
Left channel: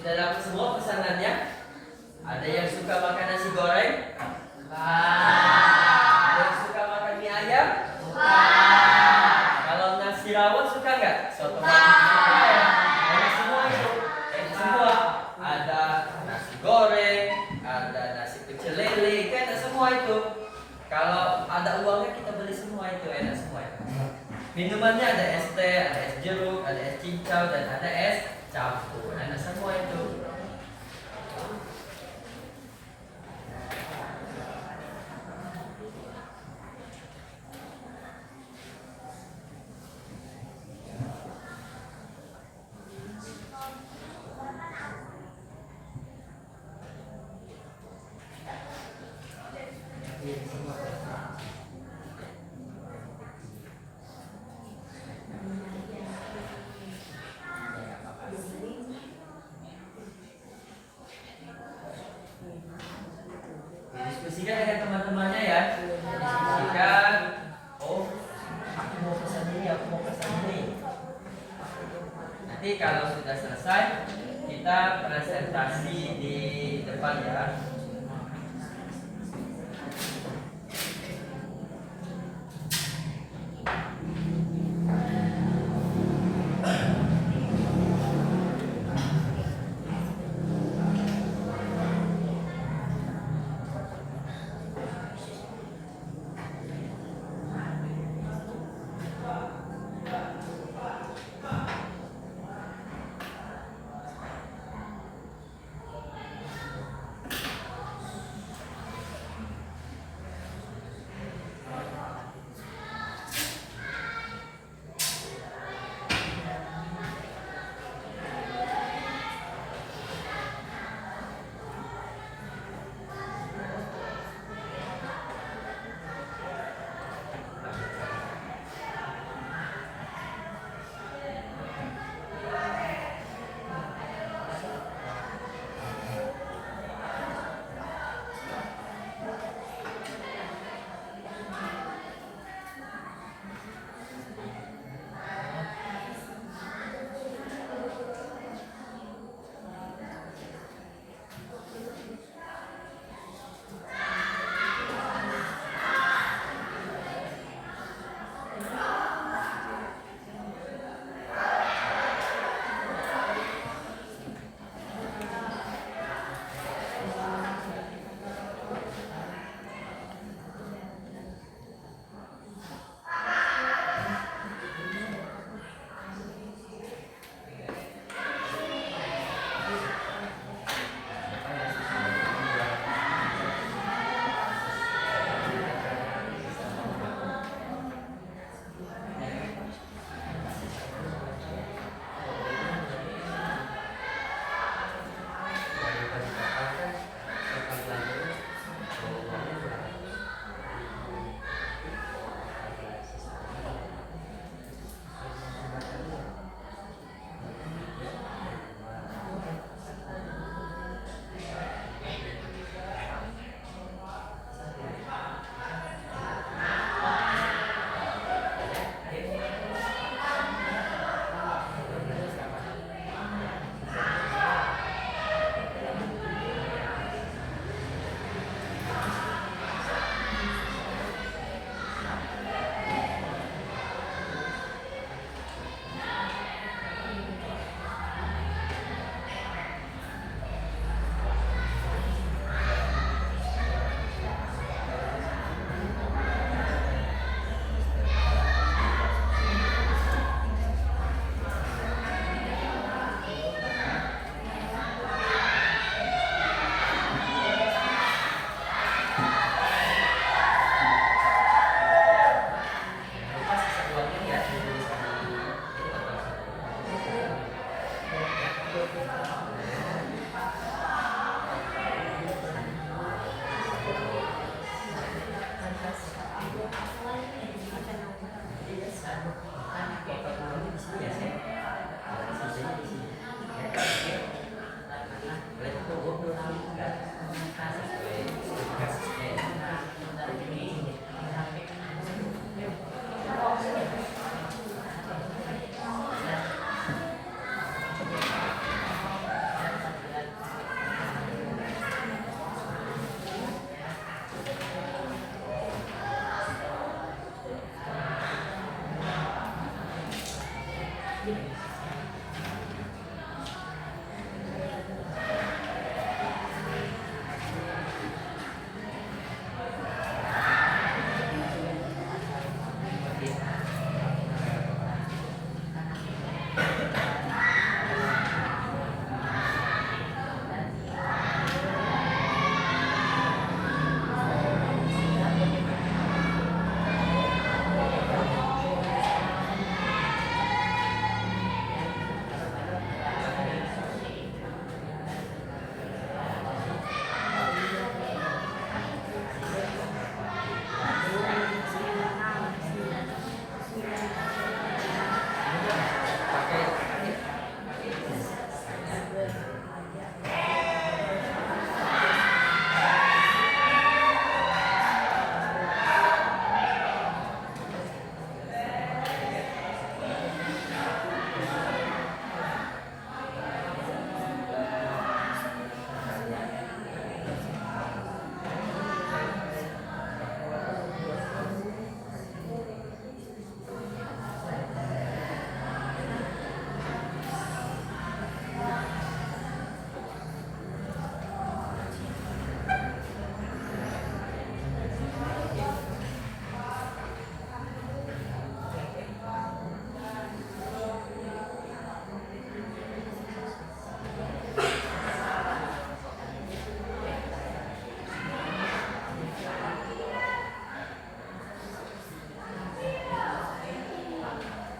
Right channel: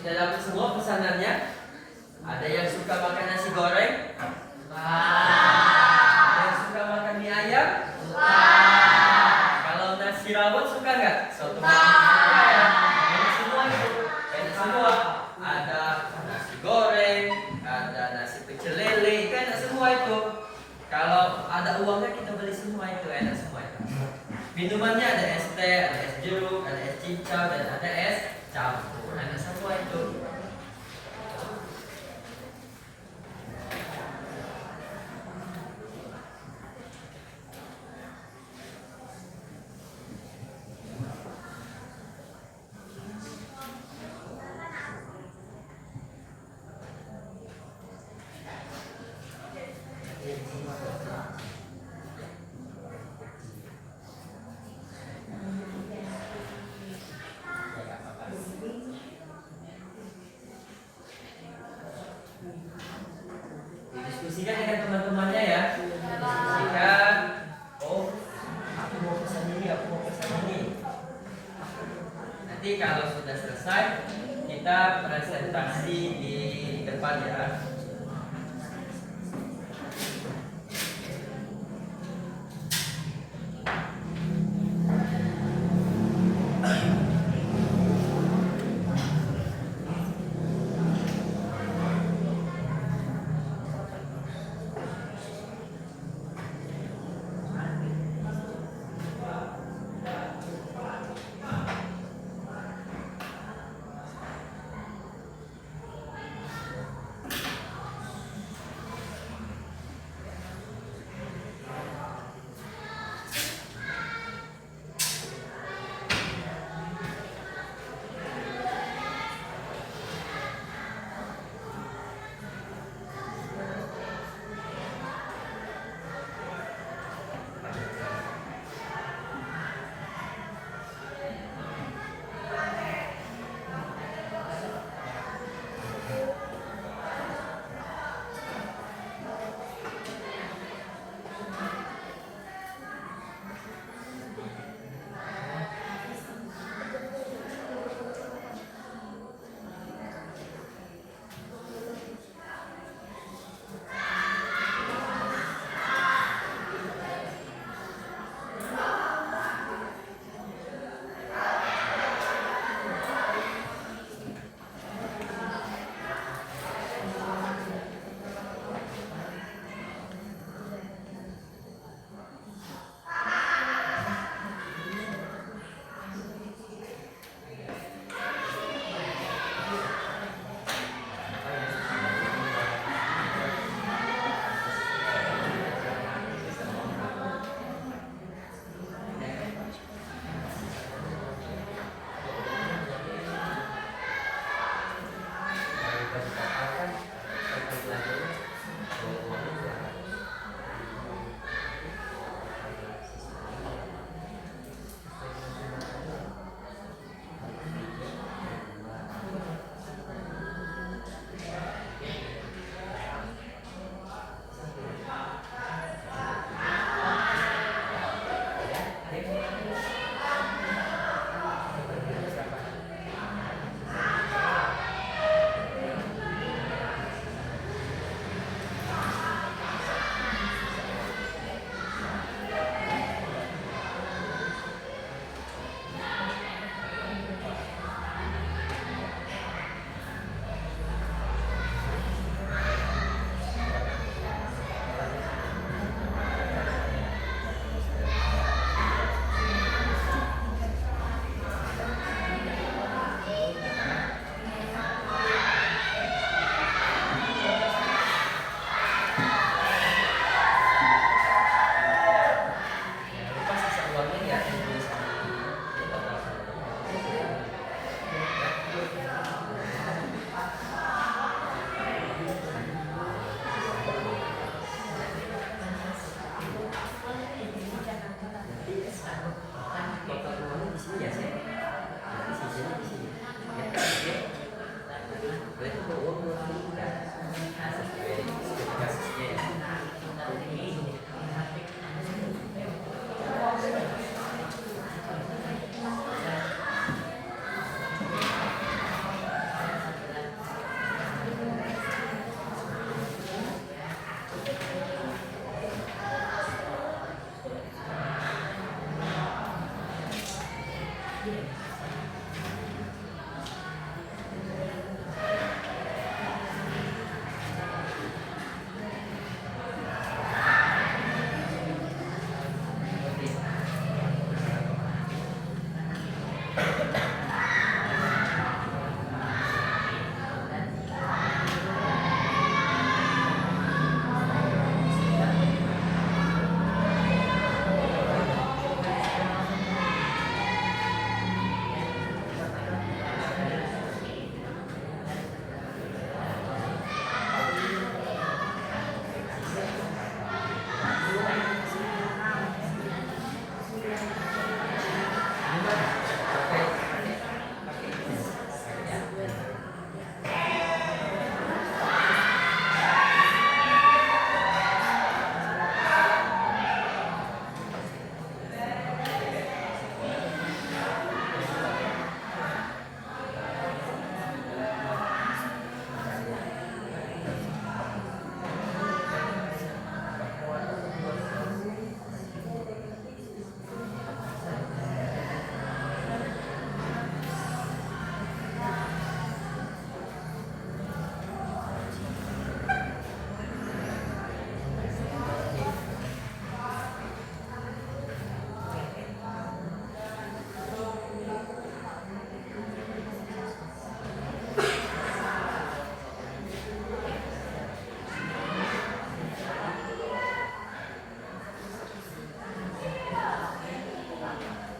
Sudah dapat semua pesanannya? Ada yang suka makan nasi goreng? Ada yang suka makan mie ayam? Kalau nasi rawon suka nggak? Soto suka ya? Enak semua itu. Enak semua. Ada nasi goreng, ada nasi pecel lele, itu enak semua itu. Kalau ada uangnya kita beli semua itu, enak semua itu. Minumannya ada es teh, ada es jeruk, ada es cincau, dan ada es campur. Enak semua itu. Diskusikan dengan teman-temannya ya. Diskusikan. Oh, aku mau pesan ini, aku mau pesan ini. Nanti kalau sudah selesai, kita presentasi di depan ya.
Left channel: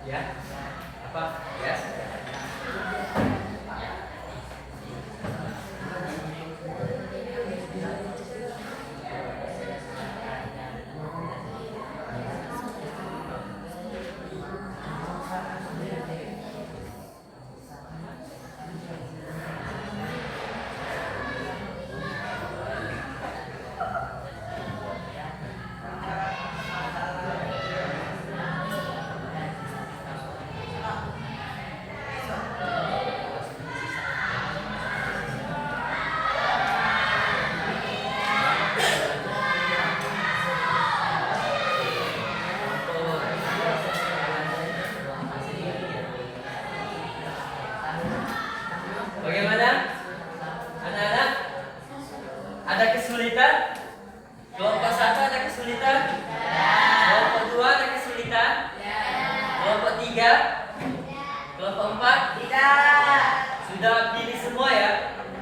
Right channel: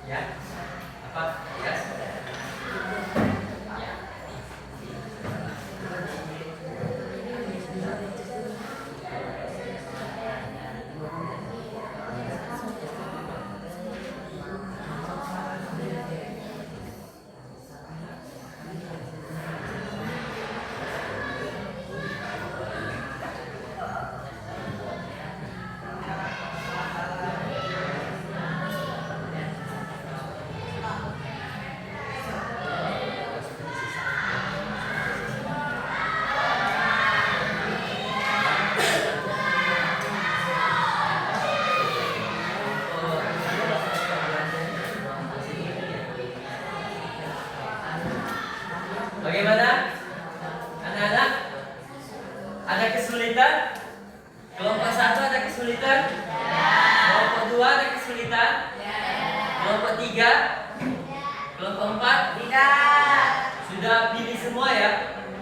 Ya, apa? Yes. Bagaimana? Anak-anak? Ada kesulitan? Kelompok 1 ada kesulitan? Kelompok 2 ada kesulitan? Kelompok 3? Kelompok 4? Sudah pilih semua ya?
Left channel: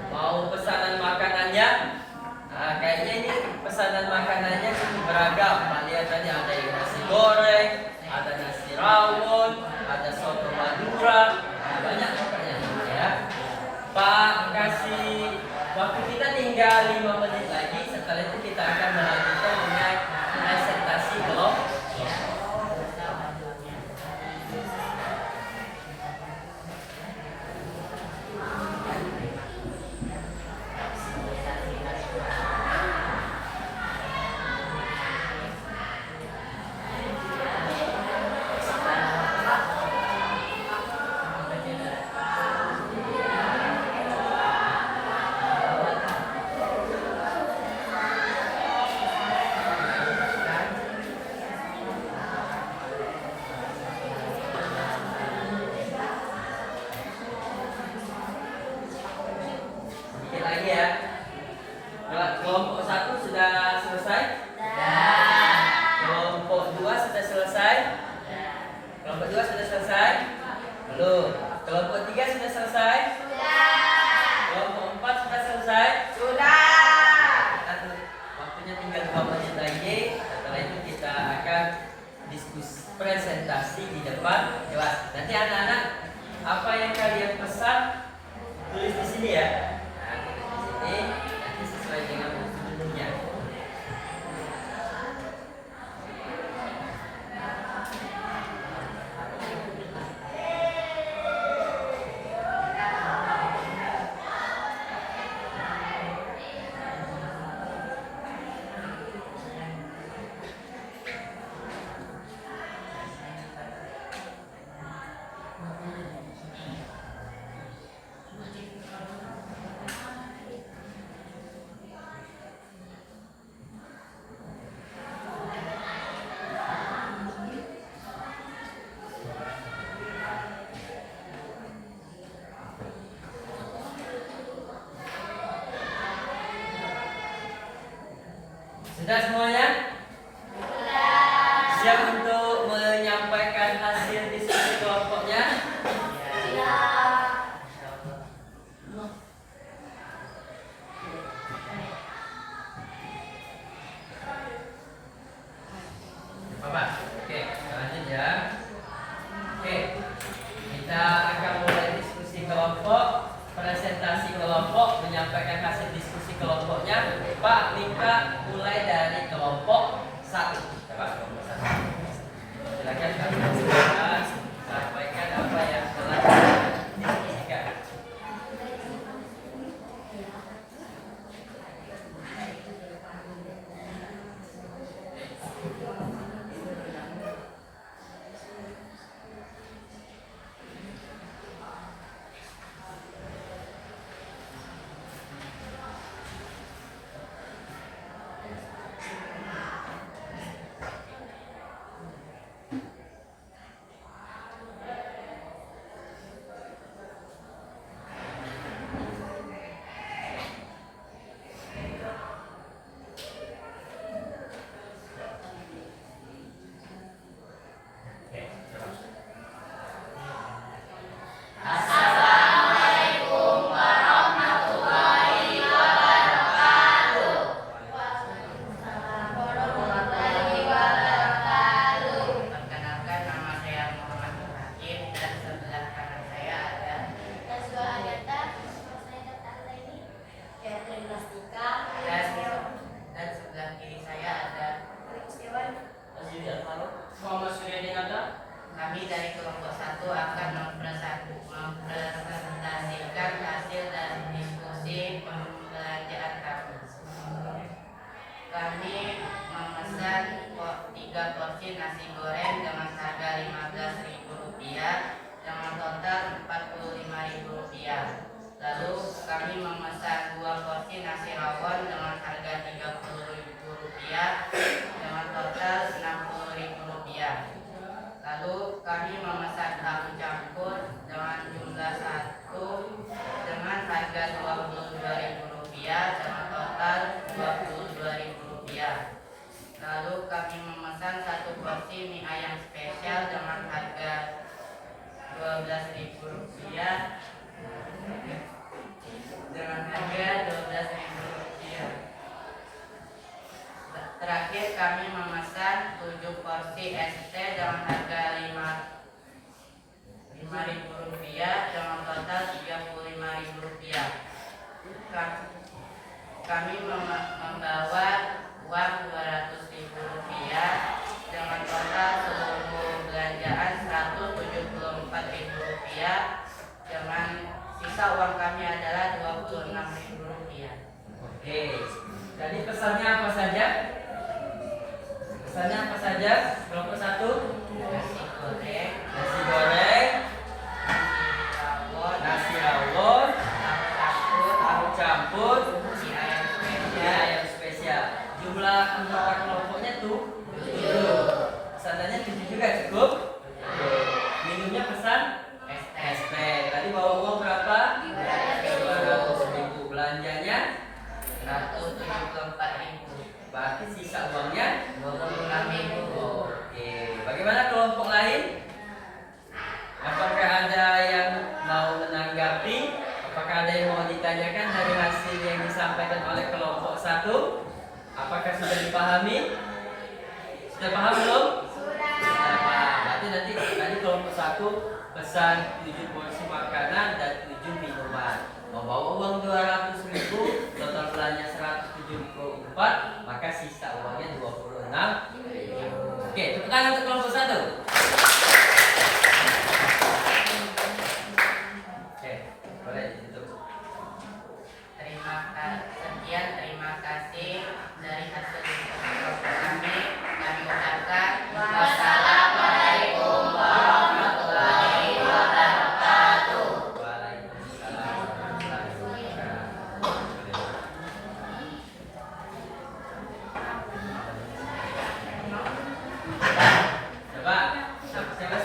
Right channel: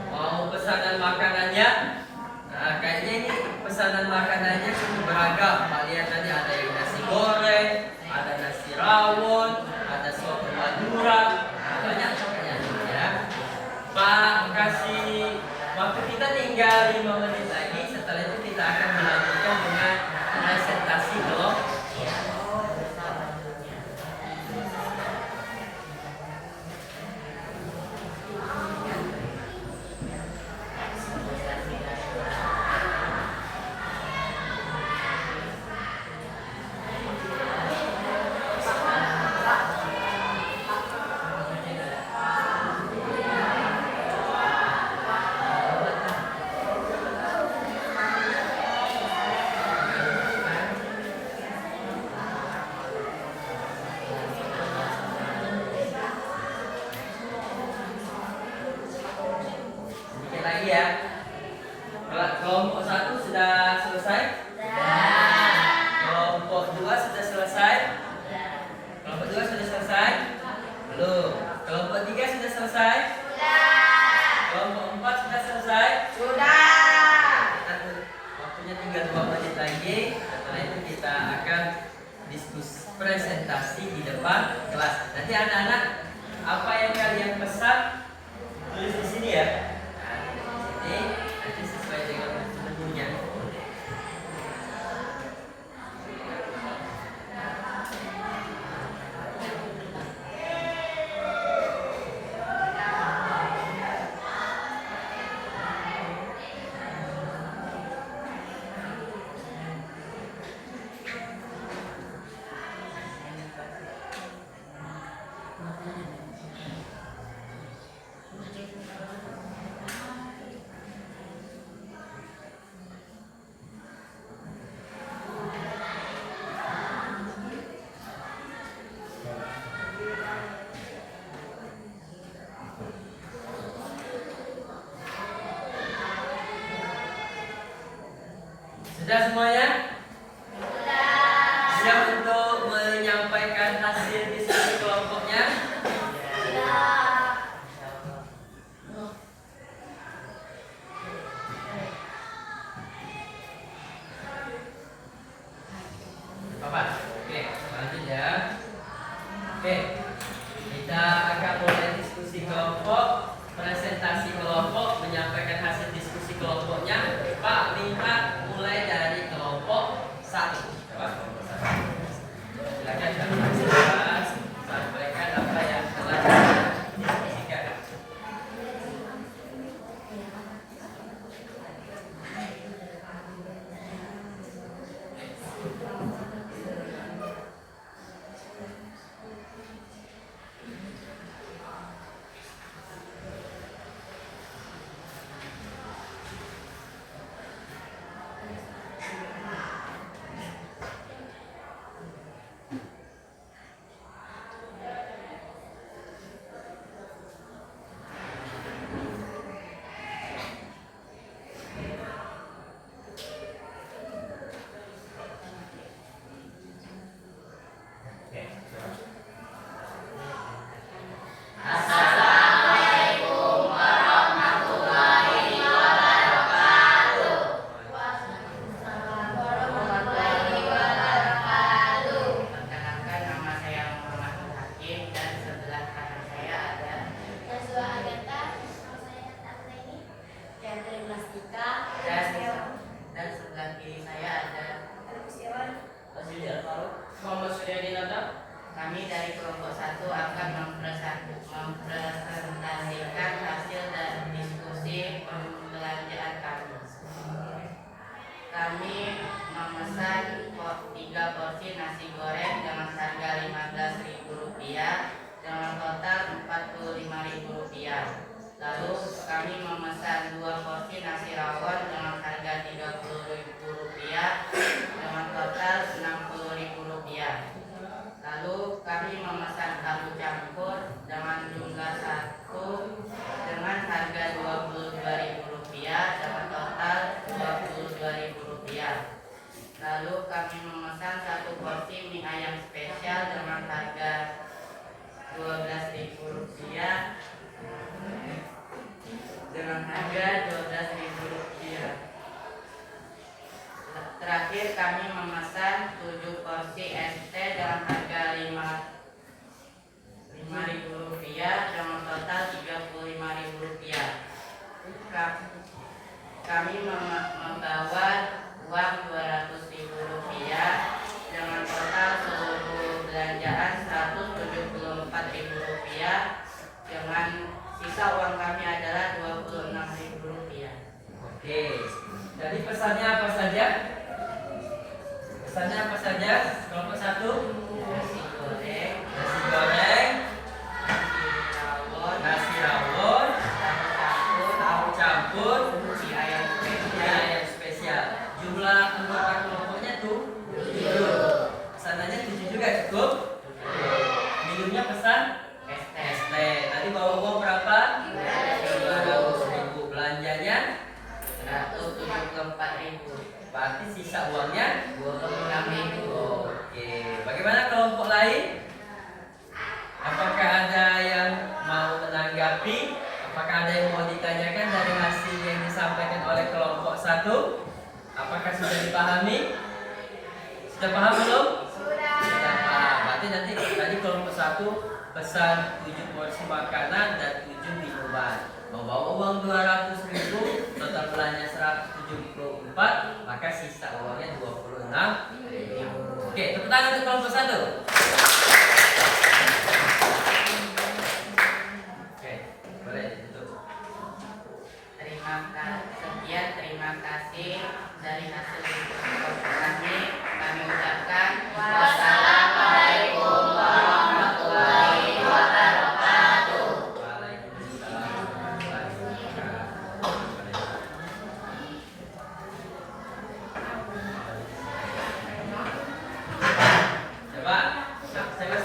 Mau pesanan makanannya? Nah, kayaknya ini pesanan makanannya cukup beragam. Pak lihat tadi ada yang nasi goreng, ada nasi rawon, ada soto Madura, banyak pokoknya ya. Pak kasih waktu kita tinggal 5 menit lagi. Setelah itu kita akan melanjutkan dengan presentasi kelompok. Sedikit lagi ya. Kelompok 1 sudah selesai? Kelompok 2 sudah selesai? Kelompok 2 sudah selesai? Belum. Kelompok 3 sudah selesai? Kelompok 4 sudah selesai? Waktunya tinggal 2 menit lagi. Setelah itu kita akan diskusi presentasi di depan kelas. Nanti anak-anak, apa yang kalian pesan tulis di sini ya. Nah, tulis di sini nanti sesuai dengan menunya. hasil diskusi kelompoknya? Ya. Apa? Oke, lanjut ya. Oke, kita akan mulai diskusi kelompok, presentasi kelompok, menyampaikan hasil diskusi kelompoknya. Pak minta mulai dari kelompok 1. Coba kelompok 1. Silakan Kak, sampaikan apa yang telah didiskusikan. Oke, coba. Assalamualaikum warahmatullahi wabarakatuh. Warahmatullahi wabarakatuh. Perkenalkan, nama saya Muhammad Nur Hakim dan sebelah kanan saya ada Yasua Agatha, nama saya Kata Akteni. Catherine Lastika. dan sebelah kiri saya ada Azili Al-Faruq, Muhammad Suryadi Nata. kami dari kelompok 1 akan mempresentasikan hasil dari diskusi pembelajaran kami. Kami memesan 3 porsi nasi goreng dengan harga Rp15.000 dengan total Rp45.000. Lalu kami memesan 2 porsi nasi rawon dengan harga Rp30.000 dengan total Rp60.000. Lalu kami memesan tahu campur dengan jumlah 1 dengan harga Rp22.000 dengan total Rp22.000. Lalu kami memesan 1 porsi mie ayam spesial dengan harga Rp12.000 dengan harga Rp12.000. Terakhir kami memesan 7 porsi es teh dengan harga Rp5.000 dengan total Rp35.000. Kami membawa uang Rp200.000 dengan total seluruh belanjaan Rp174.000 dengan sisa uang kami adalah Rp26.000. Oke, tadi pesannya apa saja? Pesannya apa saja? Kelompok 1, Nasi goreng, nasi goreng, nasi rawon, tahu campur, mie ayam mie spesial, ayam spesial. Jumlah anggota kelompoknya tuh 7. Pesanannya 7 juga cukup. Minumnya pesan es teh, es teh. Tadi bawa uang berapa? 200.000. Belanjanya Rp174.000. berarti sisa uangnya Rp26.000. Oke, bagaimana kelompok lain? Apakah ada yang mau menanggapi? Apakah ada yang mau ditanyakan dari hasil yang disampaikan oleh kelompok 1? Apakah sudah dipahami? Sudah paham belum? Sudah paham. Berarti nanti tadi kelompok 1 pesan 7 porsi makanan dan 7 minuman. Membawa uang 200.000, total belanja 174, maka sisa uangnya 26.000. Oke, tepuk tangan untuk kelompok 1. Oke, boleh ditutup. Terima kasih dari hasil diskusi kelompok kami. Kami ucapkan wassalamualaikum warahmatullahi wabarakatuh. Waalaikumsalam warahmatullahi wabarakatuh. Coba, saya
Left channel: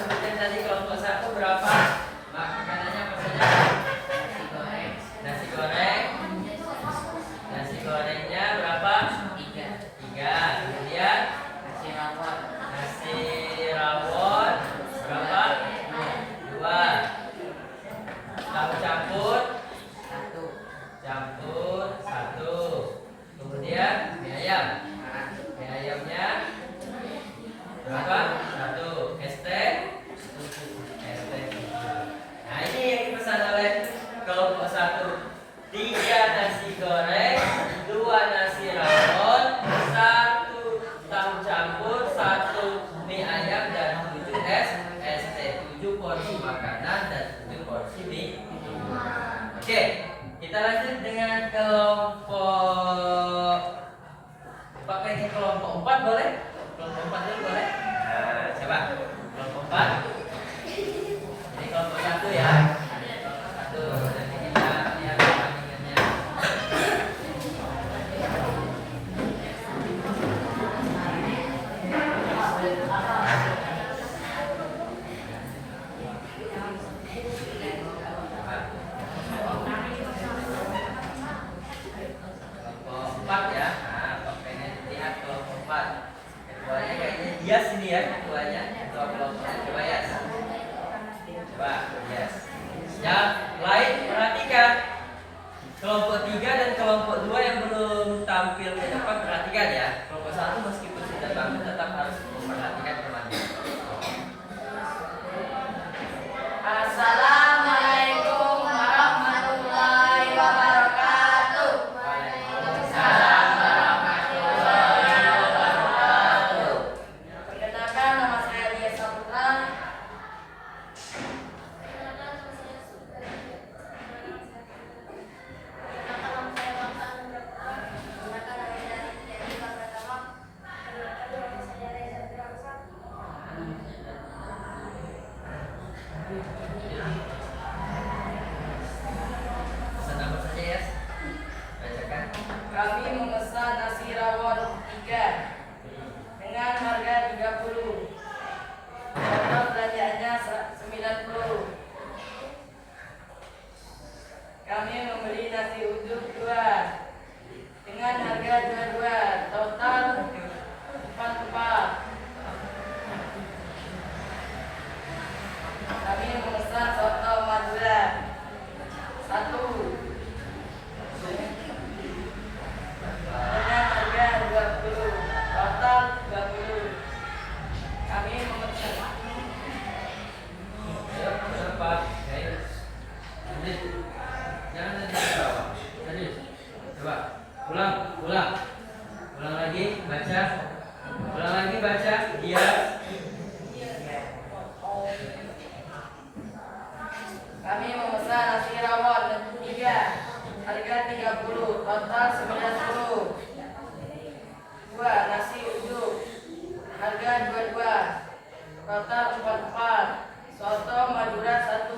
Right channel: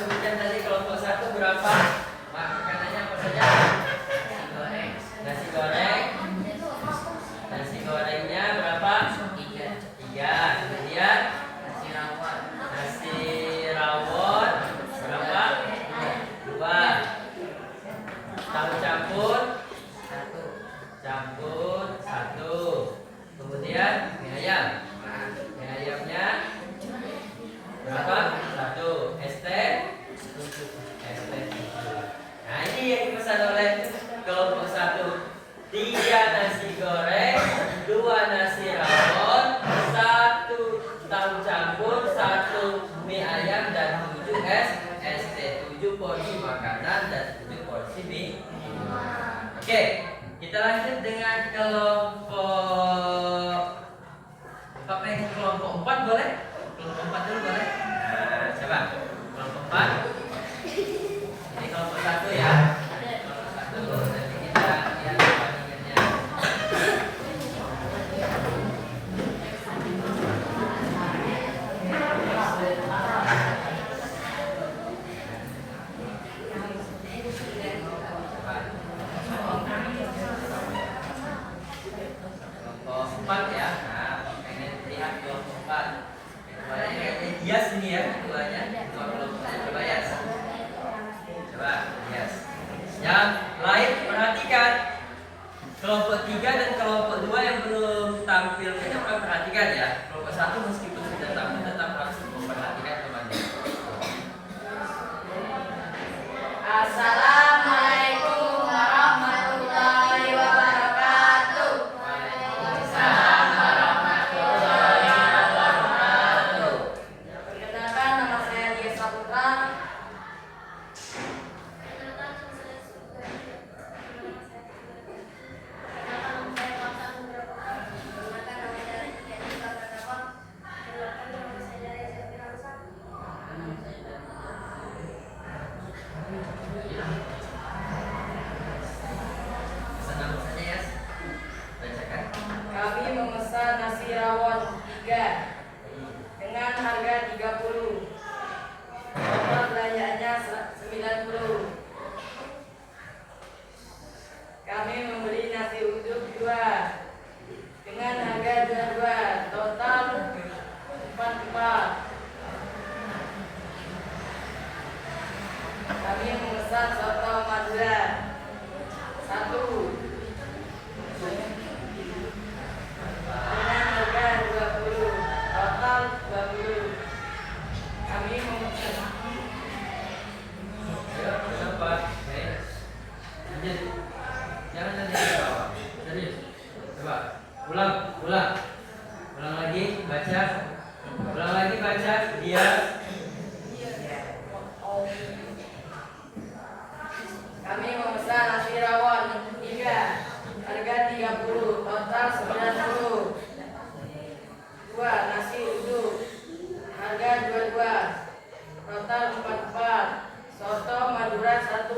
7 porsi makanan dan 7 porsi mie. Oke, kita lanjut dengan kelompok. Pak pengen kelompok 4 boleh? Kelompok 4 dulu boleh? Nah, coba kelompok 4. Ini kelompok 1 ya. Kelompok 1. Nanti kita lihat perbandingannya. Kelompok 4 ya. Nah, Pak pengen lihat kelompok 4. Ketuanya kayaknya hias ini ya, ketuanya. Ketua kelompoknya coba ya. Coba, yes. Yang lain perhatikan. Kelompok 3 dan kelompok 2 yang belum tampil ke depan perhatikan ya. Kelompok 1 meskipun sudah tampil tetap harus memperhatikan temannya. Assalamualaikum warahmatullahi wabarakatuh. Waalaikumsalam warahmatullahi wabarakatuh. Perkenalkan, nama saya Dia Saputra. Pesan nama saja ya. Bacakan. Kami memesan nasi rawon 3 dengan harga 30. Total belanjanya 90. Kami membeli nasi uduk 2 dengan harga 22. Total 44. Kami memesan soto Madura 1 dengan harga 20. Total 20. Kami memesan Ayo, kenapa? Oke. Lanjut. Jangan nanti bawah. Serius. Coba. Ulang. Ulang lagi, baca. Ulang lagi baca. Dia. Kami memesan nasi rawon 3 harga 30. Total 90. 2 nasi uduk harga 22. Total 44. Soto Madura 1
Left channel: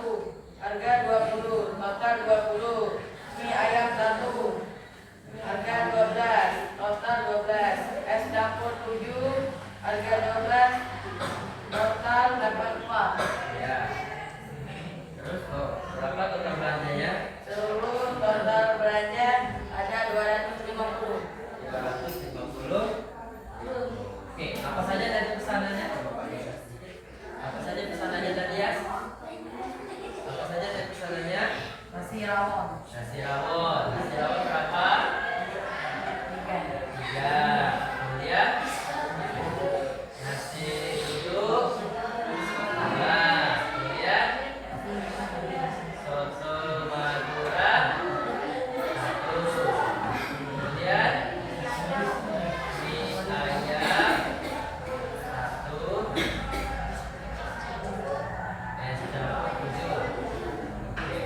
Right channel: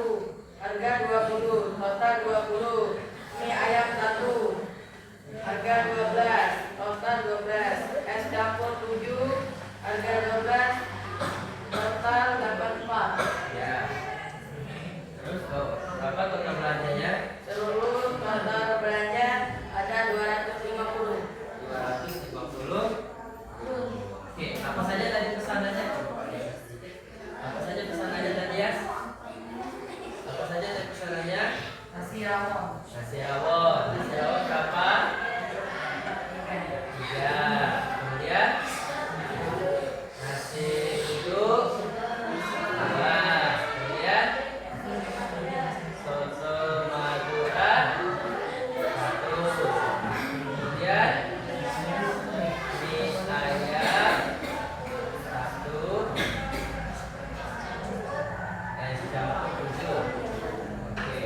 harga 20. Total 20. Mie ayam 1 harga 12. Total 12. Es dapur 7 harga 12. Total 84. Ya. Terus berapa total belanjanya? Seluruh total belanja ada 250. 250. Oke, apa saja tadi pesanannya? Apa saja pesanannya tadi ya? Apa saja tadi pesanannya? Nasi rawon Nasi rawon. Nasi rawon berapa? 3. Kemudian nasi uduk 11. Kemudian soto Madura 1. Kemudian mie ayam 1. Es dapur 7. Oke.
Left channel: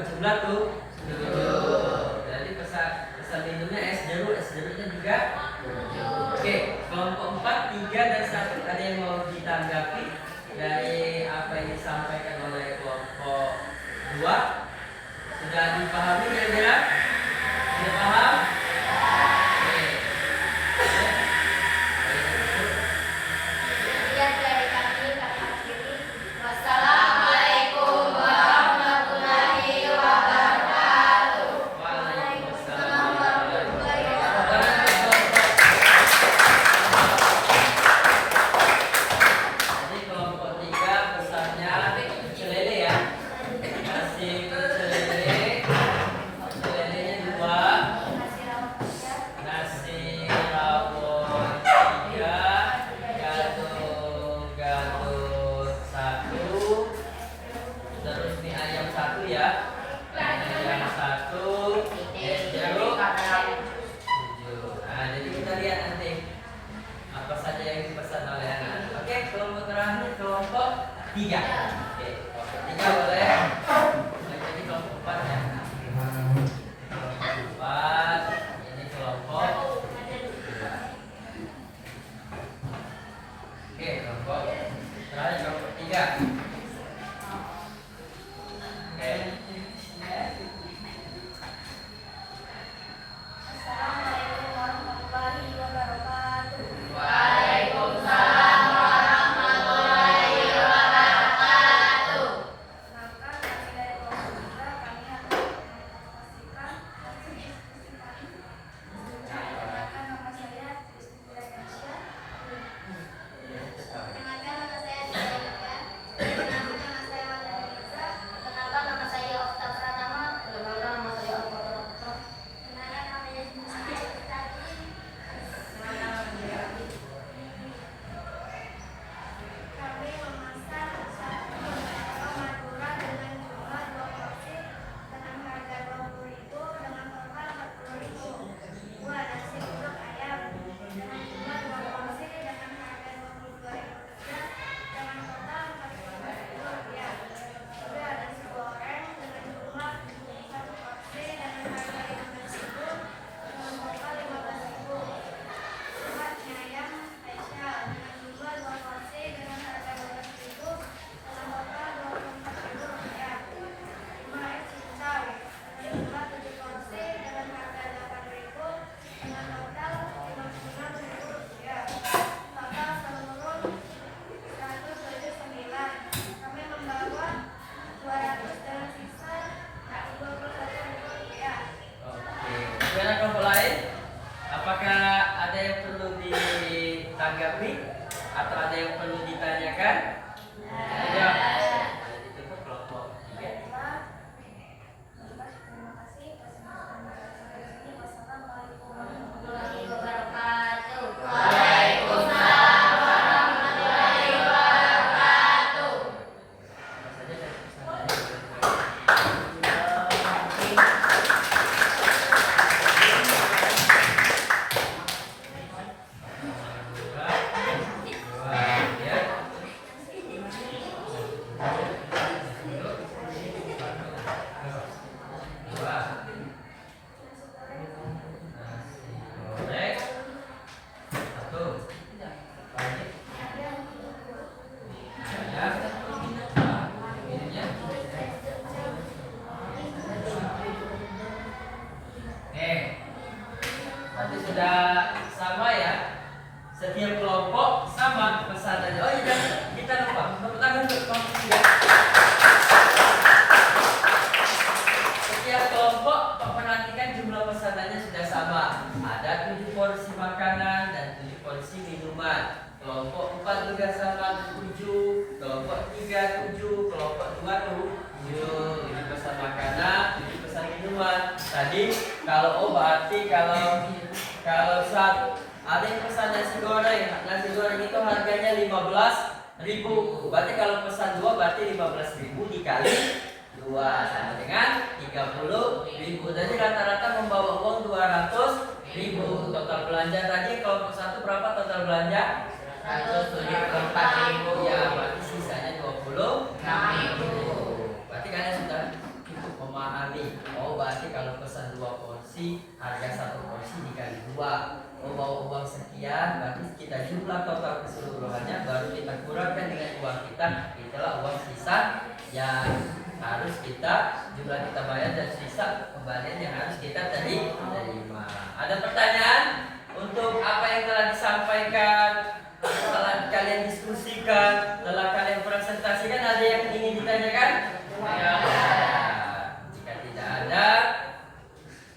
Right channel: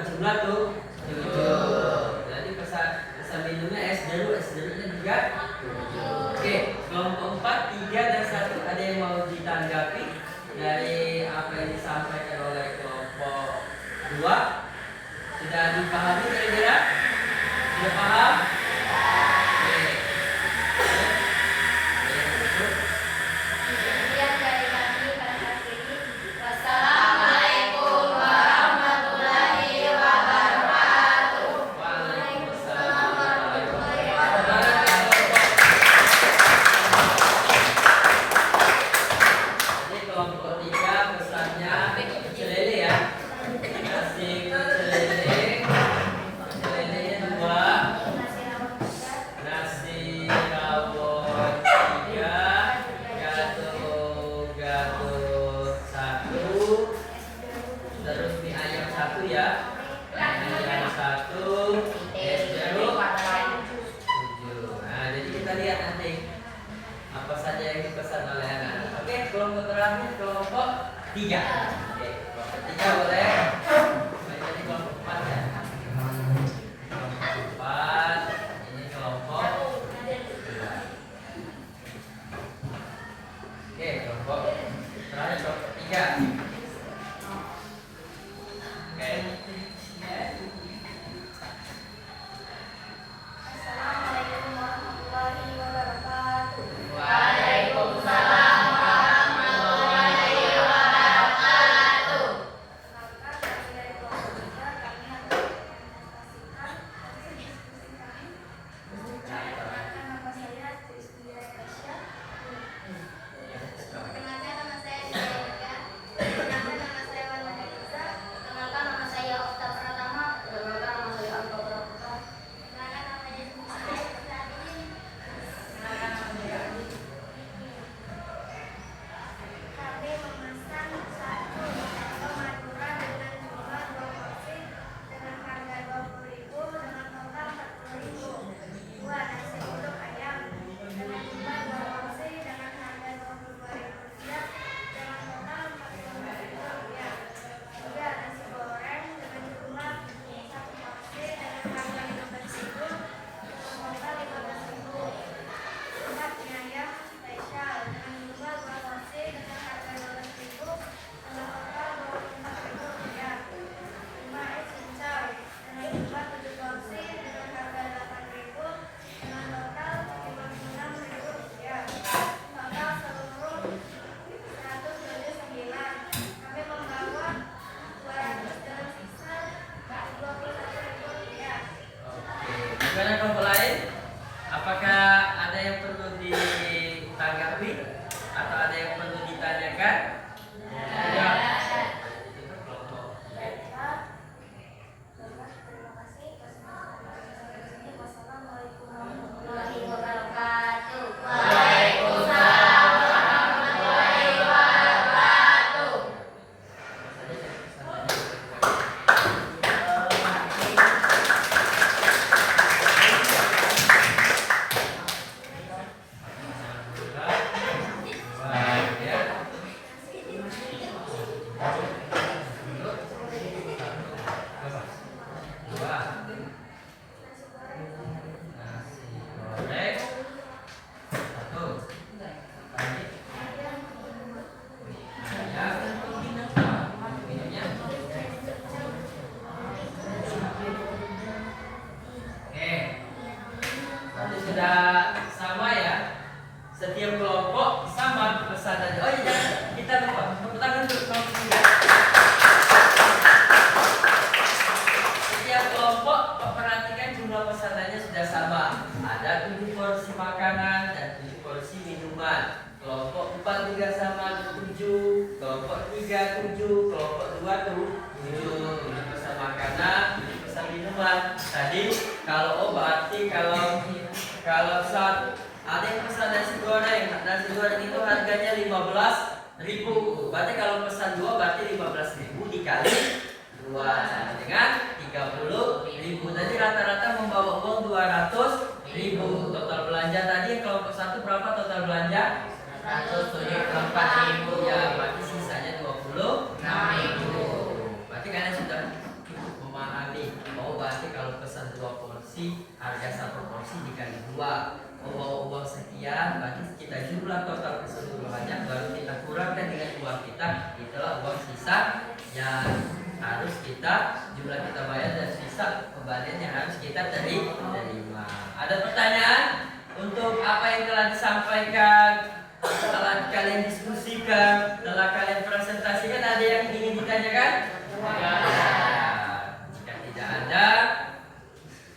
berjumlah 7. Jadi pesan minumnya es jeruknya juga 7. Oke, kelompok 4, 3 dan 1 ada yang mau ditanggapi dari apa yang disampaikan oleh kelompok 2? Sudah dipahami kira-kira? Sudah paham? Oke. Kemudian dari kami kami akhiri. Wassalamualaikum warahmatullahi wabarakatuh. Waalaikumsalam warahmatullahi wabarakatuh. Jadi kelompok 3 pesannya pecel lele ya. Kasih pecel lele. Pecel lelenya 2. Nasi rawon 3. Gado 1. Terus mie ayam 1 ya. Mie ayam 1. Es jeruk 7. Nah, jadi kita lihat nanti apa saja yang dipesan oleh anak. Oke, kelompok terakhir kelompok 3. Oke, kelompok 3 boleh. Jadi kelompok 4 ya. Kelompok 4 ini kelompok 2. Oke, kelompok terakhir kelompok 3. Oke. Assalamualaikum warahmatullahi wabarakatuh. Waalaikumsalam warahmatullahi wabarakatuh. Maka dari kelompok 3 kami akan menginformasikan perkenalkan nama saya Tristia Indonesia. Perkenalkan nama saya Tristia Indonesia. Perkenalkan nama saya Wanda Nisa. Perkenalkan nama saya Okta Pratama. Perkenalkan nama saya Okta Pratama. Perkenalkan namanya saya Tati. Perkenalkan nama saya Abi. Kami memesan satu Madura dengan jumlah 2 porsi dengan harga 20.000 dengan total 40.000. 2 nasi uduk ayam dengan jumlah 2 porsi dengan harga 22.000 dengan total 45.000 rupiah. 3 nasi goreng dengan jumlah 1 porsi dengan harga 15.000 dengan total 15.000. 4 mie ayam spesial dengan jumlah 2 porsi dengan harga 12.000 dengan total 24.000 rupiah. 5 es cincau dengan jumlah 7 porsi dengan harga 8.000 dengan total 56.000 rupiah. Total seluruh 179. Kami membawa 200 dan sisa 21.000 rupiah. Oke, gimana kelompok lain? Apakah ada yang perlu ditanggapi atau ada yang perlu ditanyakan? Ya. Ditutup kelompok. Oke. Terima kasih. Wassalamualaikum warahmatullahi wabarakatuh. Waalaikumsalam warahmatullahi wabarakatuh. Sudah sama ya, setiap kelompok sama pesanannya. Oh iya, jangan kita lupa tepuk tangan untuk kelompok 3. Setiap kelompok perhatikan jumlah pesanannya sudah sama. Ada 7 porsi makanan dan 7 porsi minuman. Kelompok 4 juga sama 7, kelompok 3 7, kelompok 2 7. Ini pesan makanan, ini pesan minuman. Tadi kalau berarti kalau saat ada yang pesan nasi goreng itu harganya 15.000. Berarti kalau pesan 2 berarti 15.000 dikali 2 sama dengan 30.000. Jadi rata-rata membawa uang 200.000. Total belanja tadi kelompok 1 berapa total belanja? 174.000. Ya, berarti sisanya 26.000. Berarti kalian sudah cukup memahami pesan 2 porsi, harga 1 porsi dikali 2. Bawa uang sekian, berarti kita jumlah total keseluruhannya, baru kita kurangkan dengan uang kita, itulah uang sisa yang harus kita jumlah kita bayar dan sisa kembalian yang harus kita terima. Ada pertanyaan untuk apa yang telah disampaikan, telah kalian diskusikan, telah kalian presentasikan? Ada yang ingin ditanyakan? Ya. Jika tidak ada,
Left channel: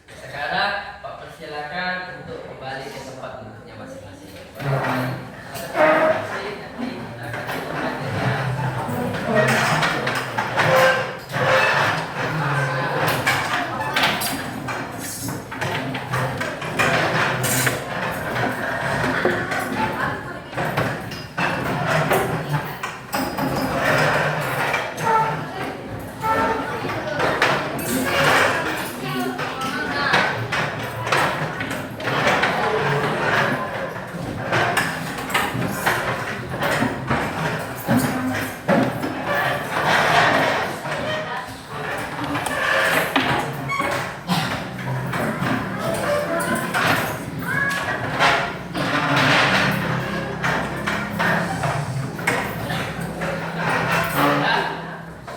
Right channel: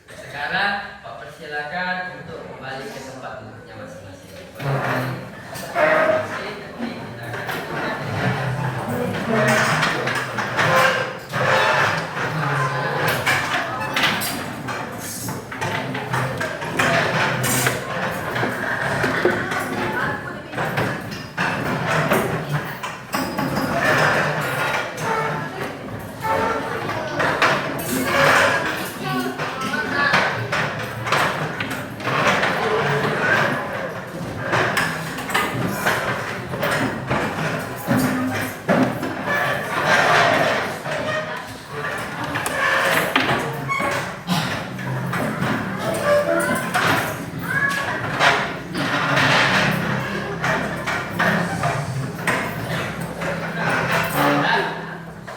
sekarang Pak persilakan untuk kembali ke tempat duduknya masing-masing. Nanti kita akan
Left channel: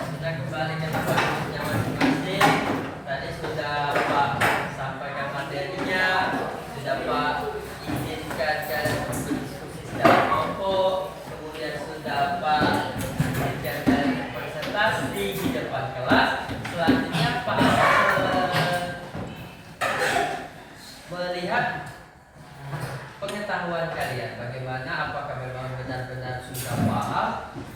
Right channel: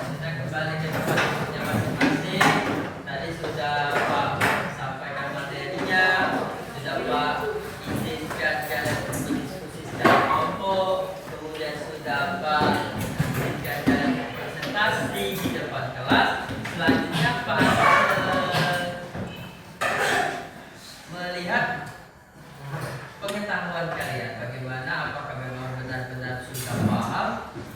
sudah kembali ke tempat duduknya masing-masing. Tadi sudah Pak sampaikan materinya, sudah Pak izinkan kalian berdiskusi secara kelompok, kemudian sudah Pak izinkan kalian berpresentasi di depan kelas. Selanjutnya Pak melihat pengetahuan kalian, bagaimana, apakah memang benar-benar sudah paham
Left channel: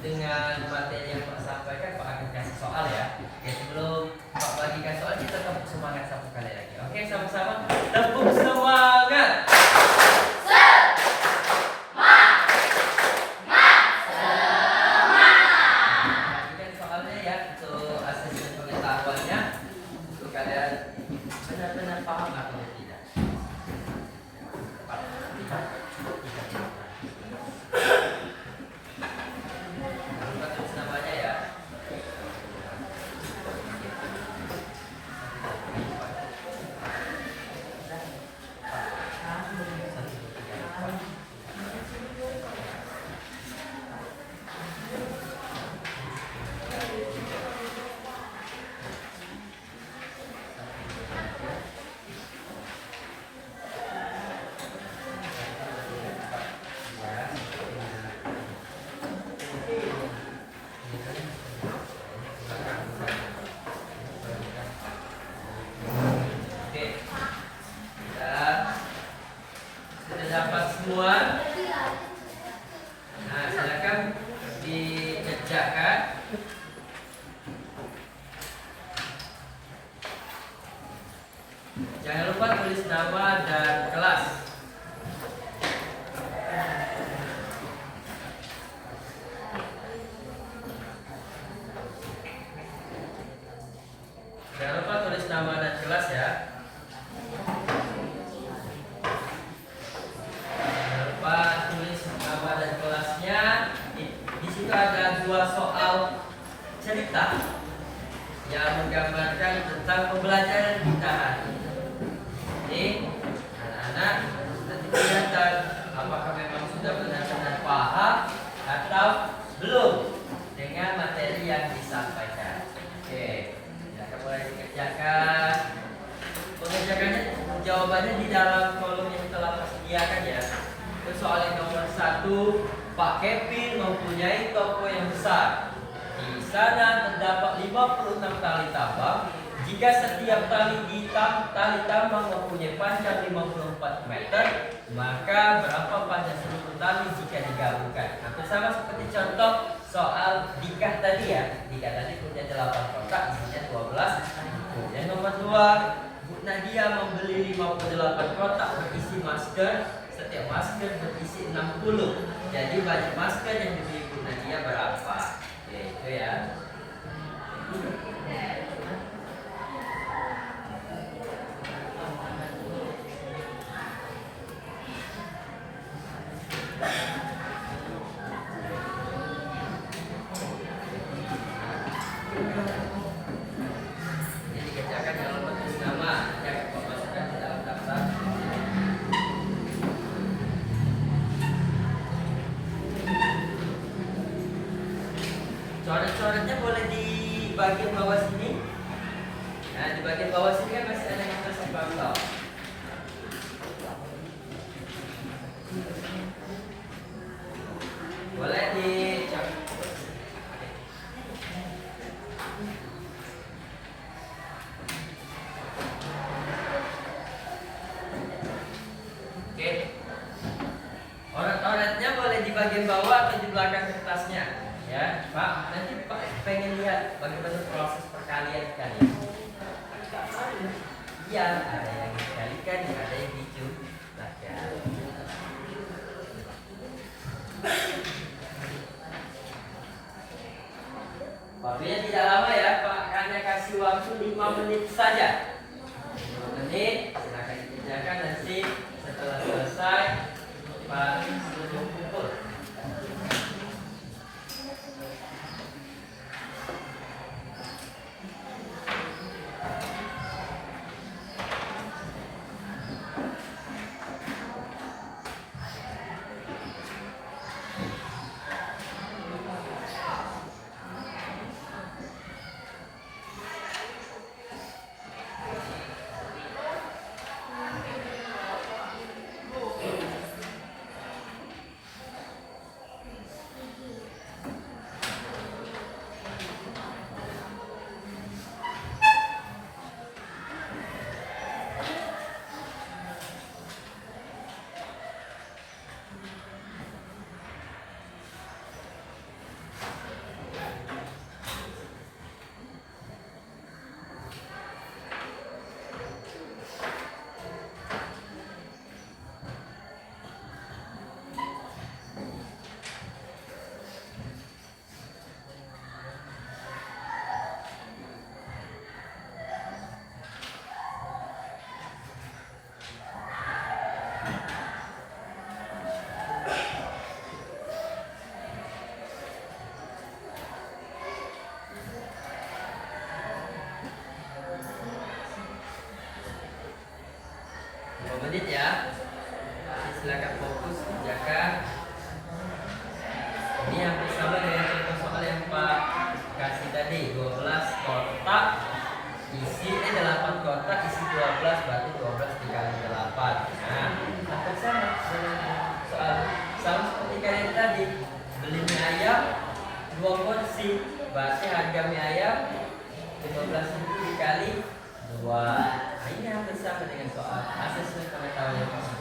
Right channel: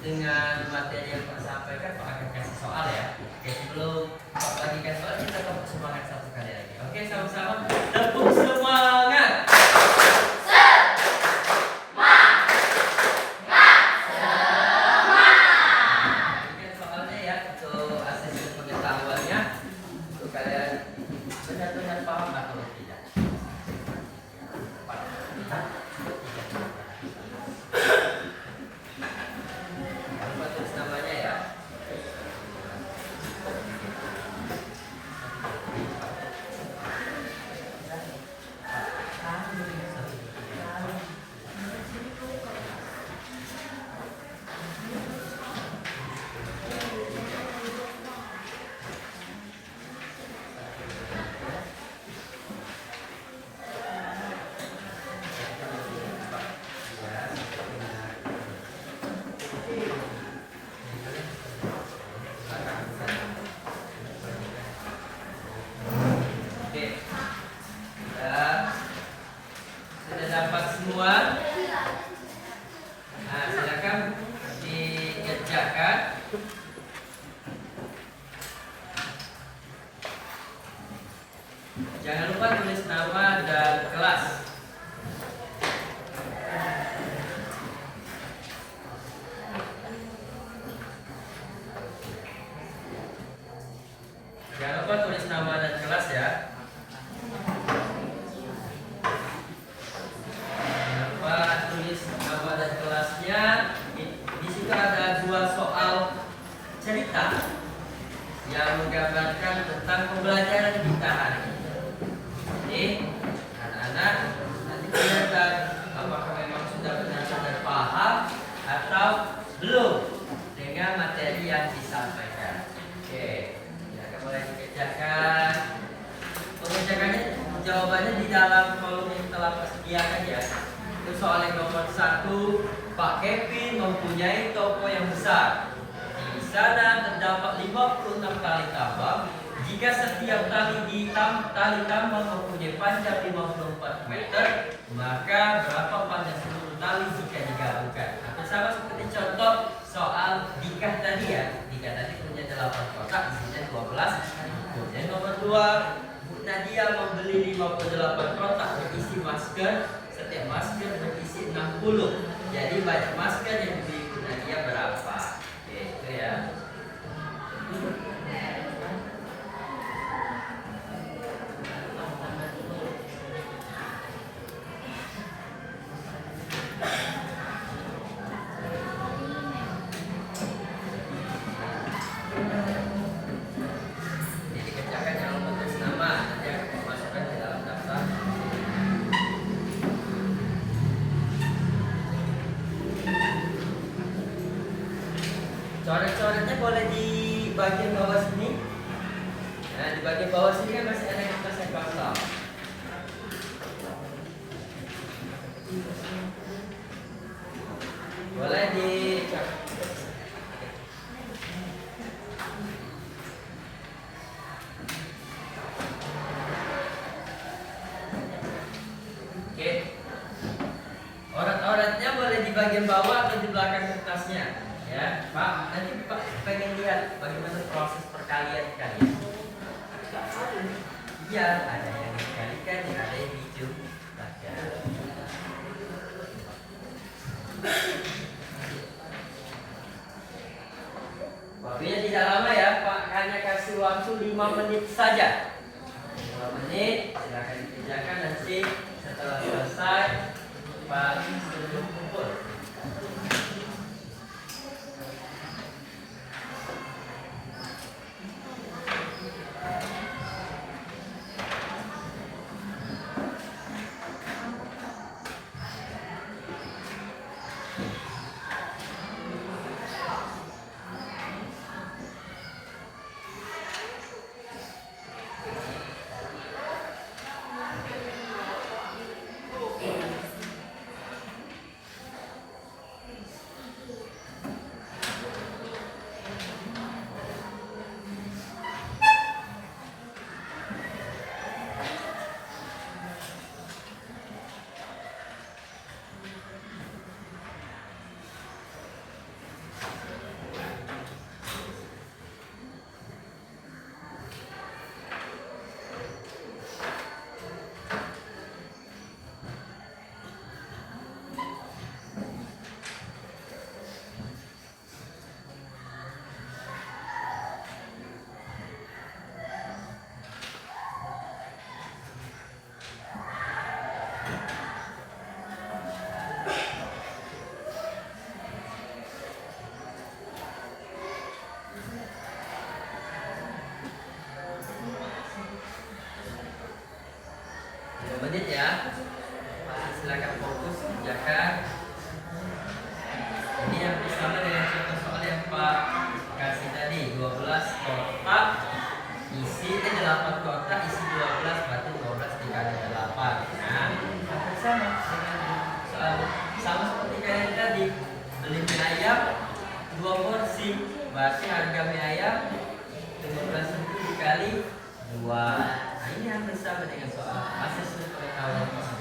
dengan materi yang Pak sampaikan. Pak akan kasih soal ya. Oke, sebelum Pak bagikan soal, kita tepuk semangat satu kali lagi. Oke, sama-sama tepuk semangat. Bagikan soalnya ya, untuk asesmen pengetahuannya, untuk kalian benar-benar paham atau tidak. Lupa tulis namanya ya. Oke, sudah dapat semua. Nah, silakan dikerjakan. Jangan lupa tulis nama dan kelas. Jangan lupa tulis nama dan kelas ya. Jangan lupa tulis nama dan kelasnya. Di situ ada 2 soal cerita yang menggambarkan tentang pembelajaran kita hari ini. Jadi, anak-anak nanti kelihatan apakah memang sudah benar-benar paham atau belum dengan materi yang disampaikan. Oke, ya, mulai dikerjakan. Pengerjakannya jawabannya di dalam kolom yang telah tersediakan ya. Itu soal yang nomor 1, Pak Kevin mempunyai toko yang besar. Di sana terdapat 56 tali tambang. Jika setiap tali tambang mempunyai panjang 54 meter, maka berapa panjang seluruh tali jika digabungkan? Hampir sama seperti contoh soal Dikah tadi ya. Dikah tadi punya 8 kotak, isinya 12. Kemudian nomor 2, Nadia membeli 58 kotak berisi masker. Setiap masker berisi 60. Jadi banyak masker yang dibeli Bu Nadia berapa? Oke, itu ya. Jadi kerjakan, jangan lupa tulis nama. Nanti di bagian bawah sini kan masih ada kertas yang kosong. Boleh dicek. Oke. Orat-oratnya boleh di bagian bawah atau di belakang kertasnya, ya, Pak. Nanti Pak pengen lihat bagaimana proses perkalian kalian. Iya, ada yang dikalikan, ada yang dijumlahkan. Waktunya tidak lama ya, Pak. Hanya kasih waktu 5 menit saja. 5 menit, silakan dikerjakan nanti setelah selesai Pak sudah kumpul. Menit ya, silakan fokus kerjakan. Ini yang bersama dengan contoh soal yang Pak kasih tadi, 12 kotak isi 8 kotak isi 12, berarti 12 dikali 8. Nah, hampir sama soal sama seperti kalian tadi, beli mie ayam 2 porsi, berarti harga mie ayam 15.000 dikali 2. Nah, ini hampir sama dengan soal asas pengetahuan fisika.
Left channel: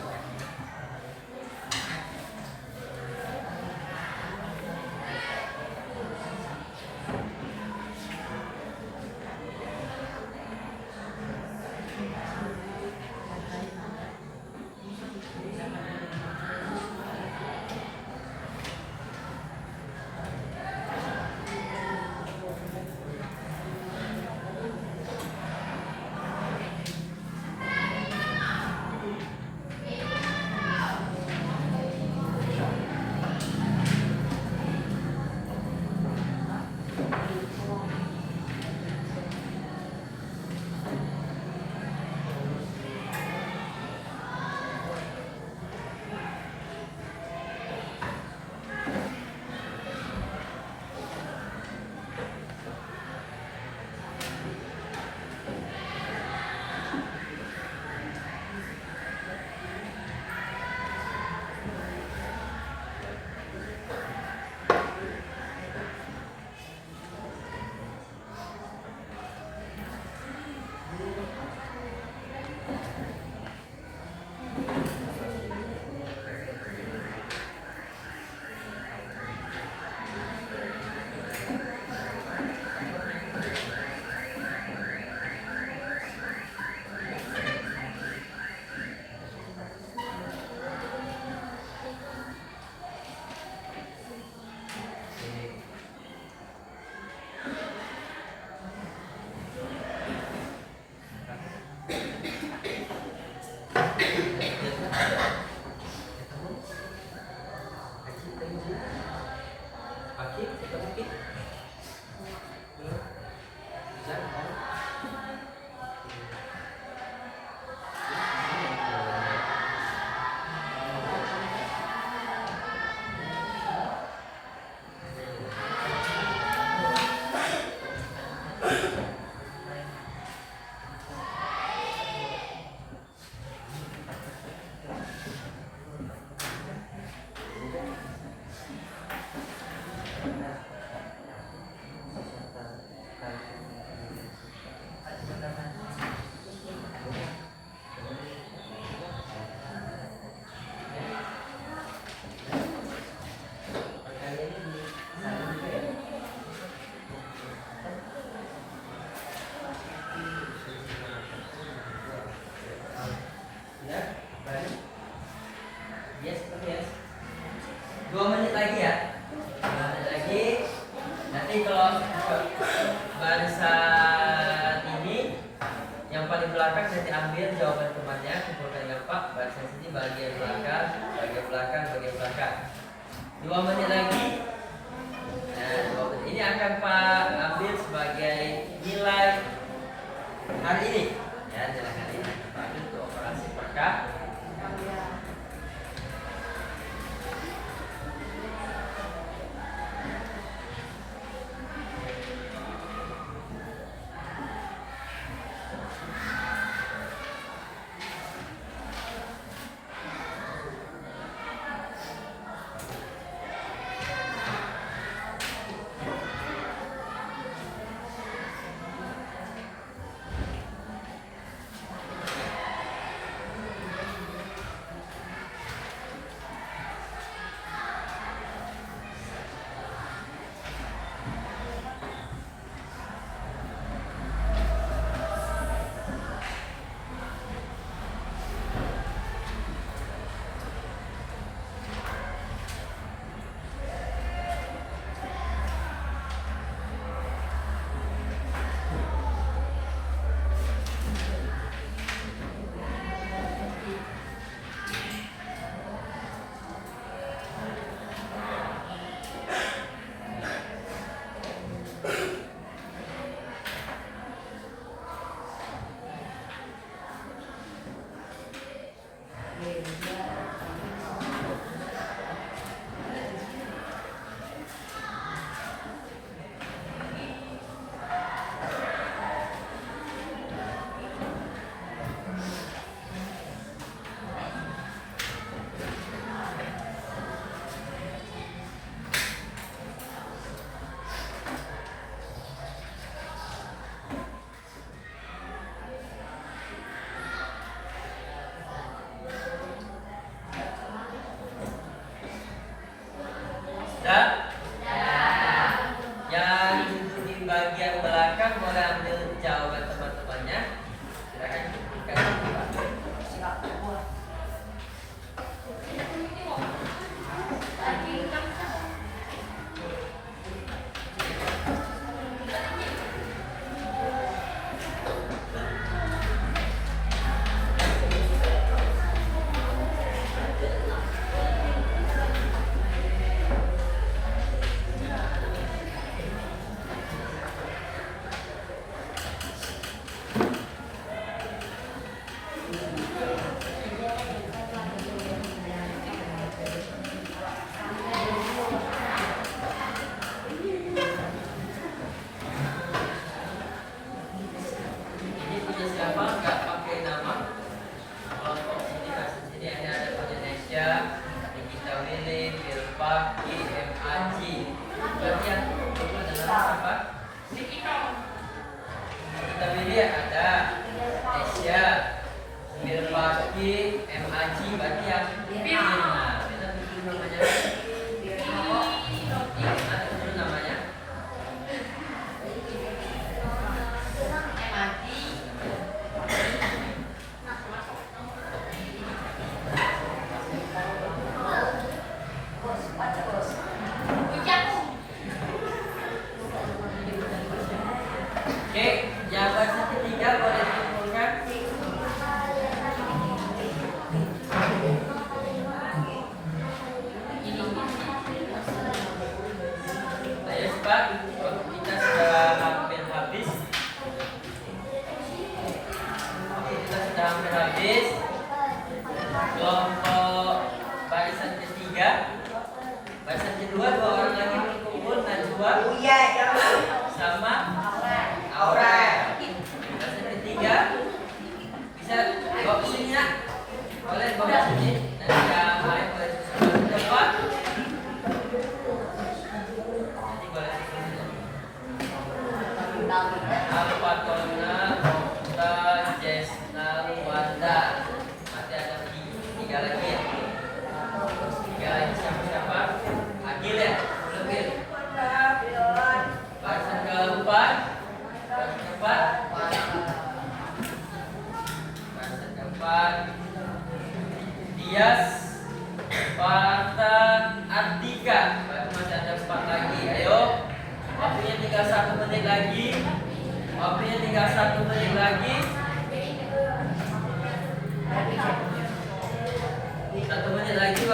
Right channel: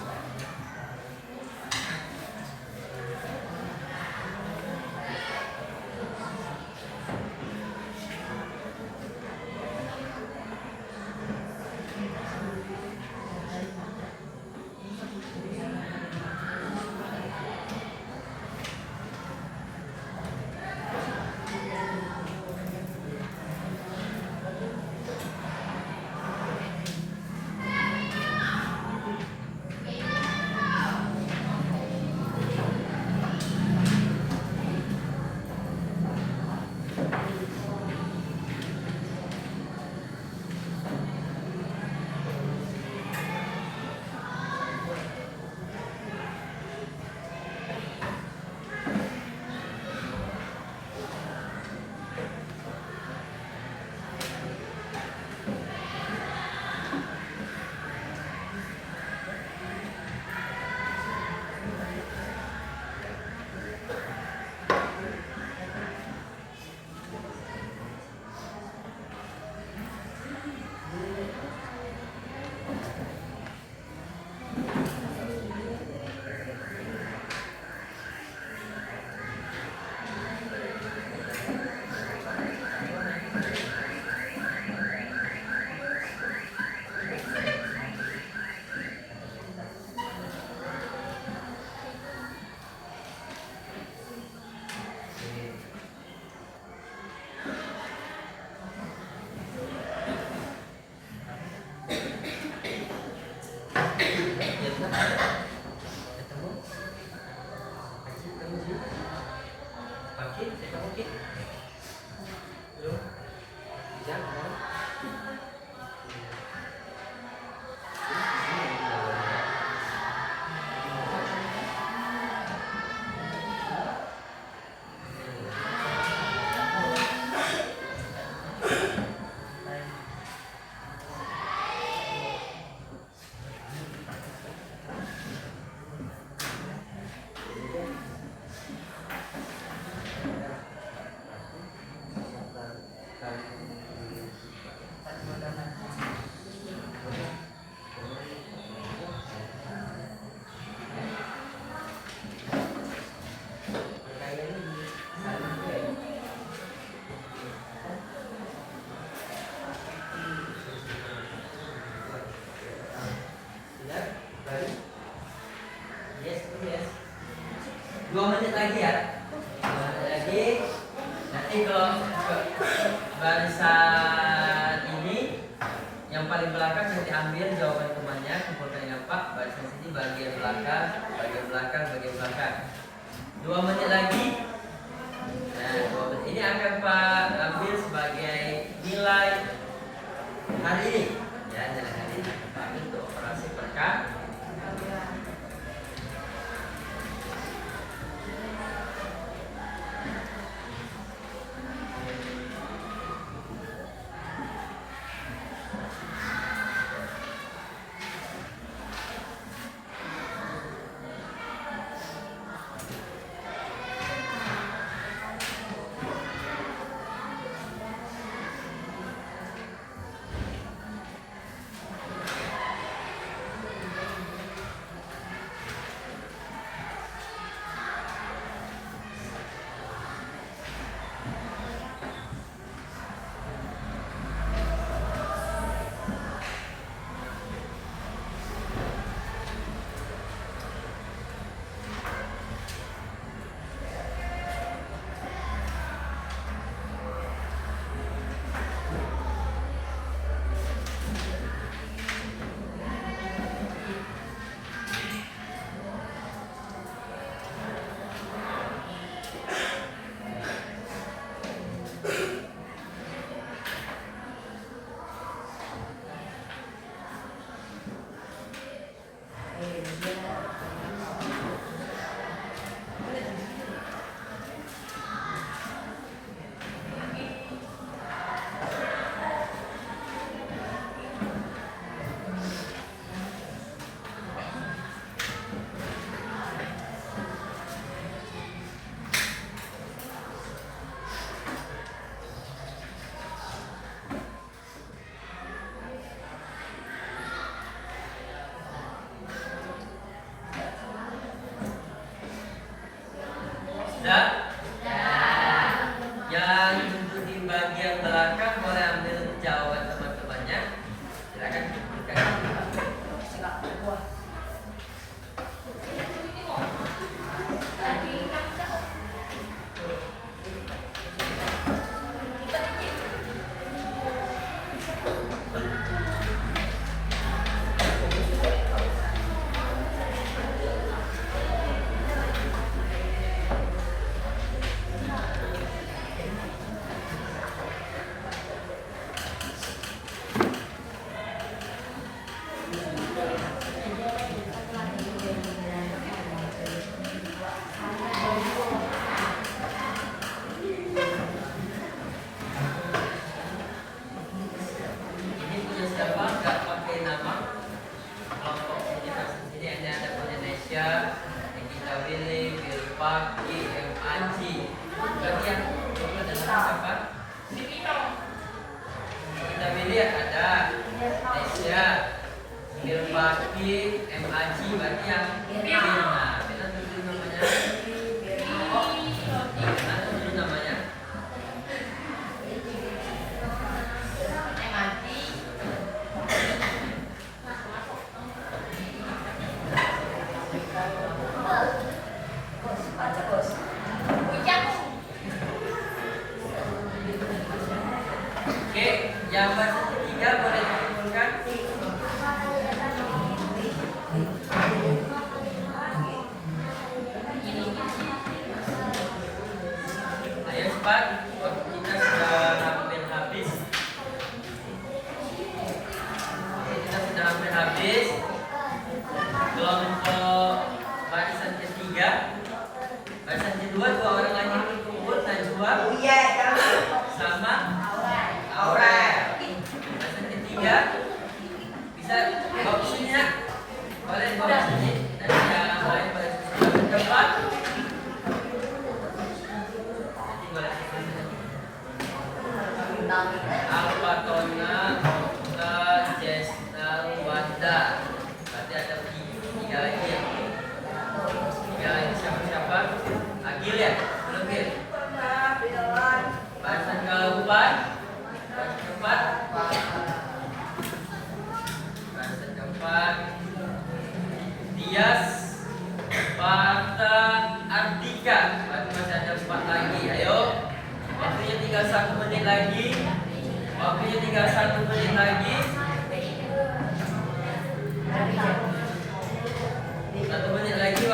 paling belakang nanti ambil jawaban temannya, kumpulkan dengan Pak. Baca sini bagian belakang, bagian belakang, bagian belakang. 2 menit lagi. Nah, 2 menit ini akan Pak ambil sebagai nilai hari ini. Ya, nilai hari ini akan Pak ambil untuk operasi perkah. Yang duduk di bagian belakang boleh ambil jawaban teman-temannya. Silakan berikan.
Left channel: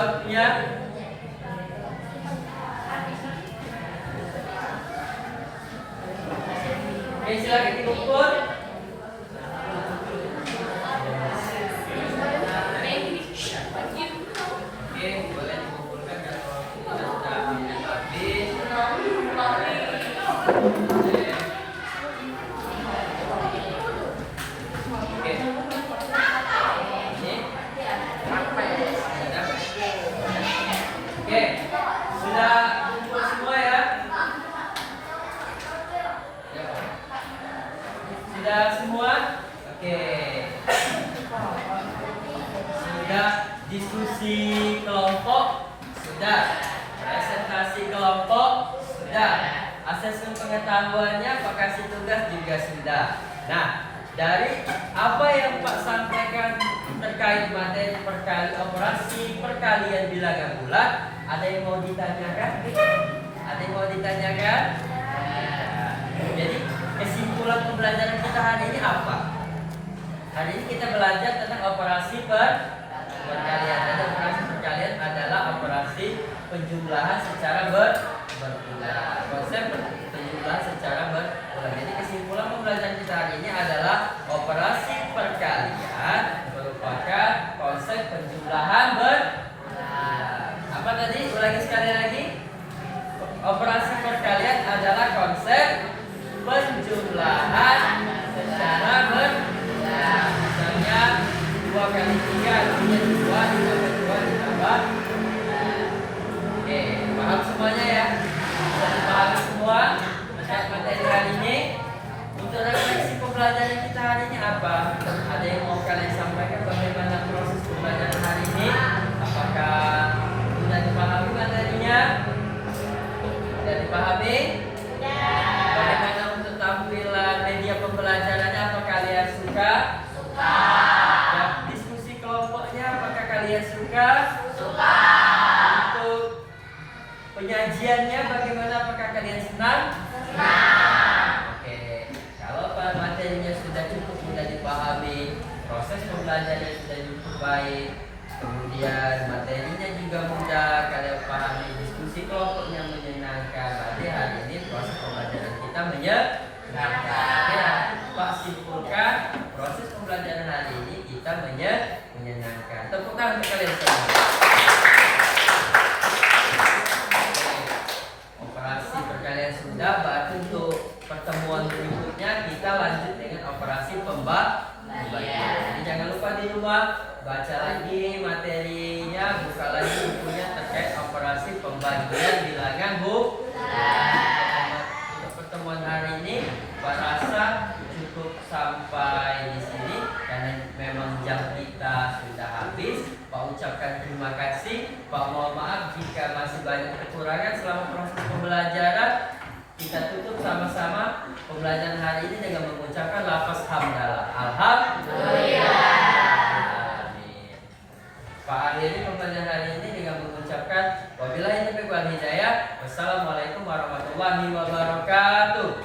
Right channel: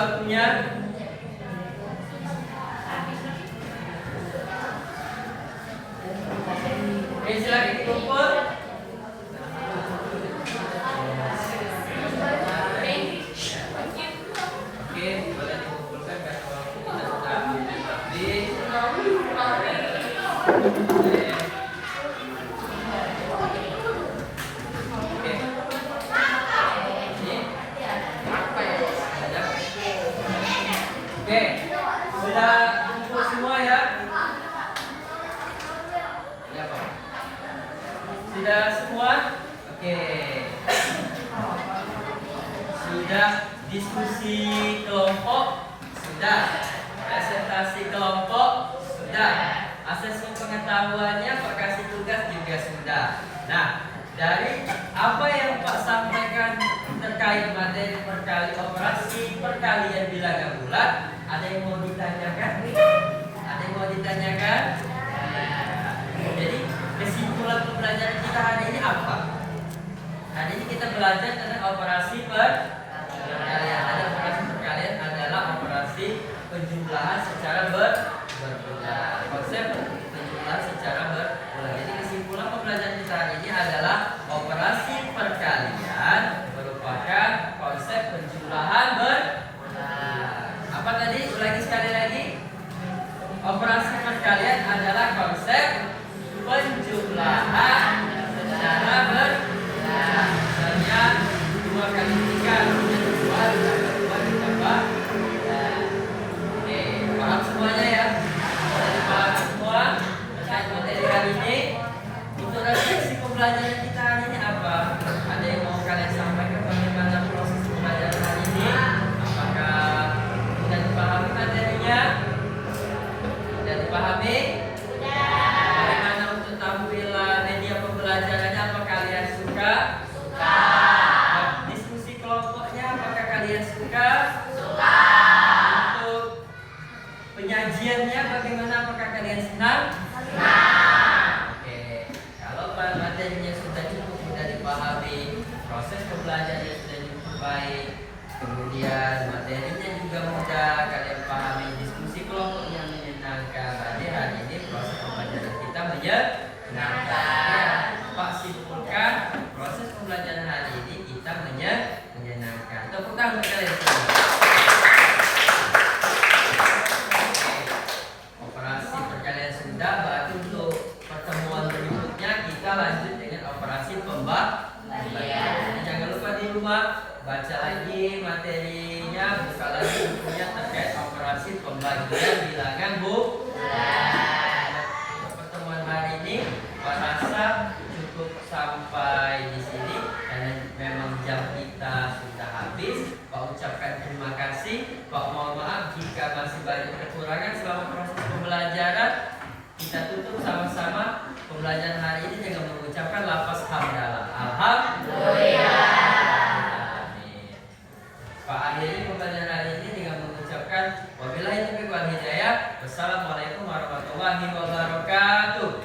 waktunya. Oke, silakan dikumpul. Oke, boleh dikumpulkan karena waktu kita sudah habis. Oke. Ini apa ya? Oke, sudah kumpul semua ya? Sudah semua? Oke. Sudah diskusi kelompok? Sudah. Presentasi kelompok? Sudah. Asesmen pengetahuannya, Pak kasih tugas juga sudah. Nah, dari apa yang Pak sampaikan terkait materi operasi perkalian bilangan bulat, ada yang mau ditanyakan? Ada yang mau ditanyakan? Jadi kesimpulan pembelajaran kita hari ini apa? Hari ini kita belajar tentang operasi perkalian. Ada operasi perkalian adalah operasi penjumlahan secara berulang. Konsep penjumlahan secara berulang. Jadi kesimpulan pembelajaran kita hari ini adalah operasi perkalian merupakan konsep penjumlahan berulang. Apa tadi? Ulangi sekali lagi. Operasi perkalian adalah konsep penjumlahan secara berulang. Misalnya 2 kali 3 menjadi 2 ditambah 2 ditambah. Oke, paham semuanya ya? Paham semua terkait materi hari ini. Untuk refleksi pembelajaran kita hari ini apa? Ada yang mau kalian sampaikan bagaimana proses pembelajaran hari ini? Apakah sudah dipahami materinya? Sudah dipahami? Bagaimana untuk tampilan media pembelajarannya? Apa kalian suka? Suka. Dan diskusi kelompoknya apakah kalian suka? Suka. Untuk penyajiannya bagaimana? Apakah kalian senang? Senang. Oke. Kalau materinya sudah cukup mudah dipahami, proses pembelajarannya sudah cukup baik, kemudian materinya juga mudah kalian pahami, diskusi kelompoknya menyenangkan. Berarti hari ini proses pembelajaran kita menyenangkan. Ya, Pak simpulkan proses pembelajaran hari ini kita menyenangkan. Tepuk tangan untuk kalian semua. Operasi perkalian sudah, berarti untuk pertemuan berikutnya kita lanjut dengan operasi pembagian. Jadi jangan lupa di rumah baca lagi materinya, buka lagi bukunya terkait operasi pembagian bilangan bulat. Untuk pertemuan hari ini, Pak rasa cukup sampai di sini karena memang jam kita sudah habis. Pak ucapkan terima kasih. Pak mohon maaf jika masih banyak kekurangan selama proses pembelajaran. Kita tutup sama-sama pembelajaran hari ini dengan mengucapkan lafaz hamdalah. Alhamdulillah. Amin. Pak akhiri pembelajaran hari ini dengan mengucapkan wabillahi taufiq wal hidayah. Wassalamualaikum warahmatullahi wabarakatuh.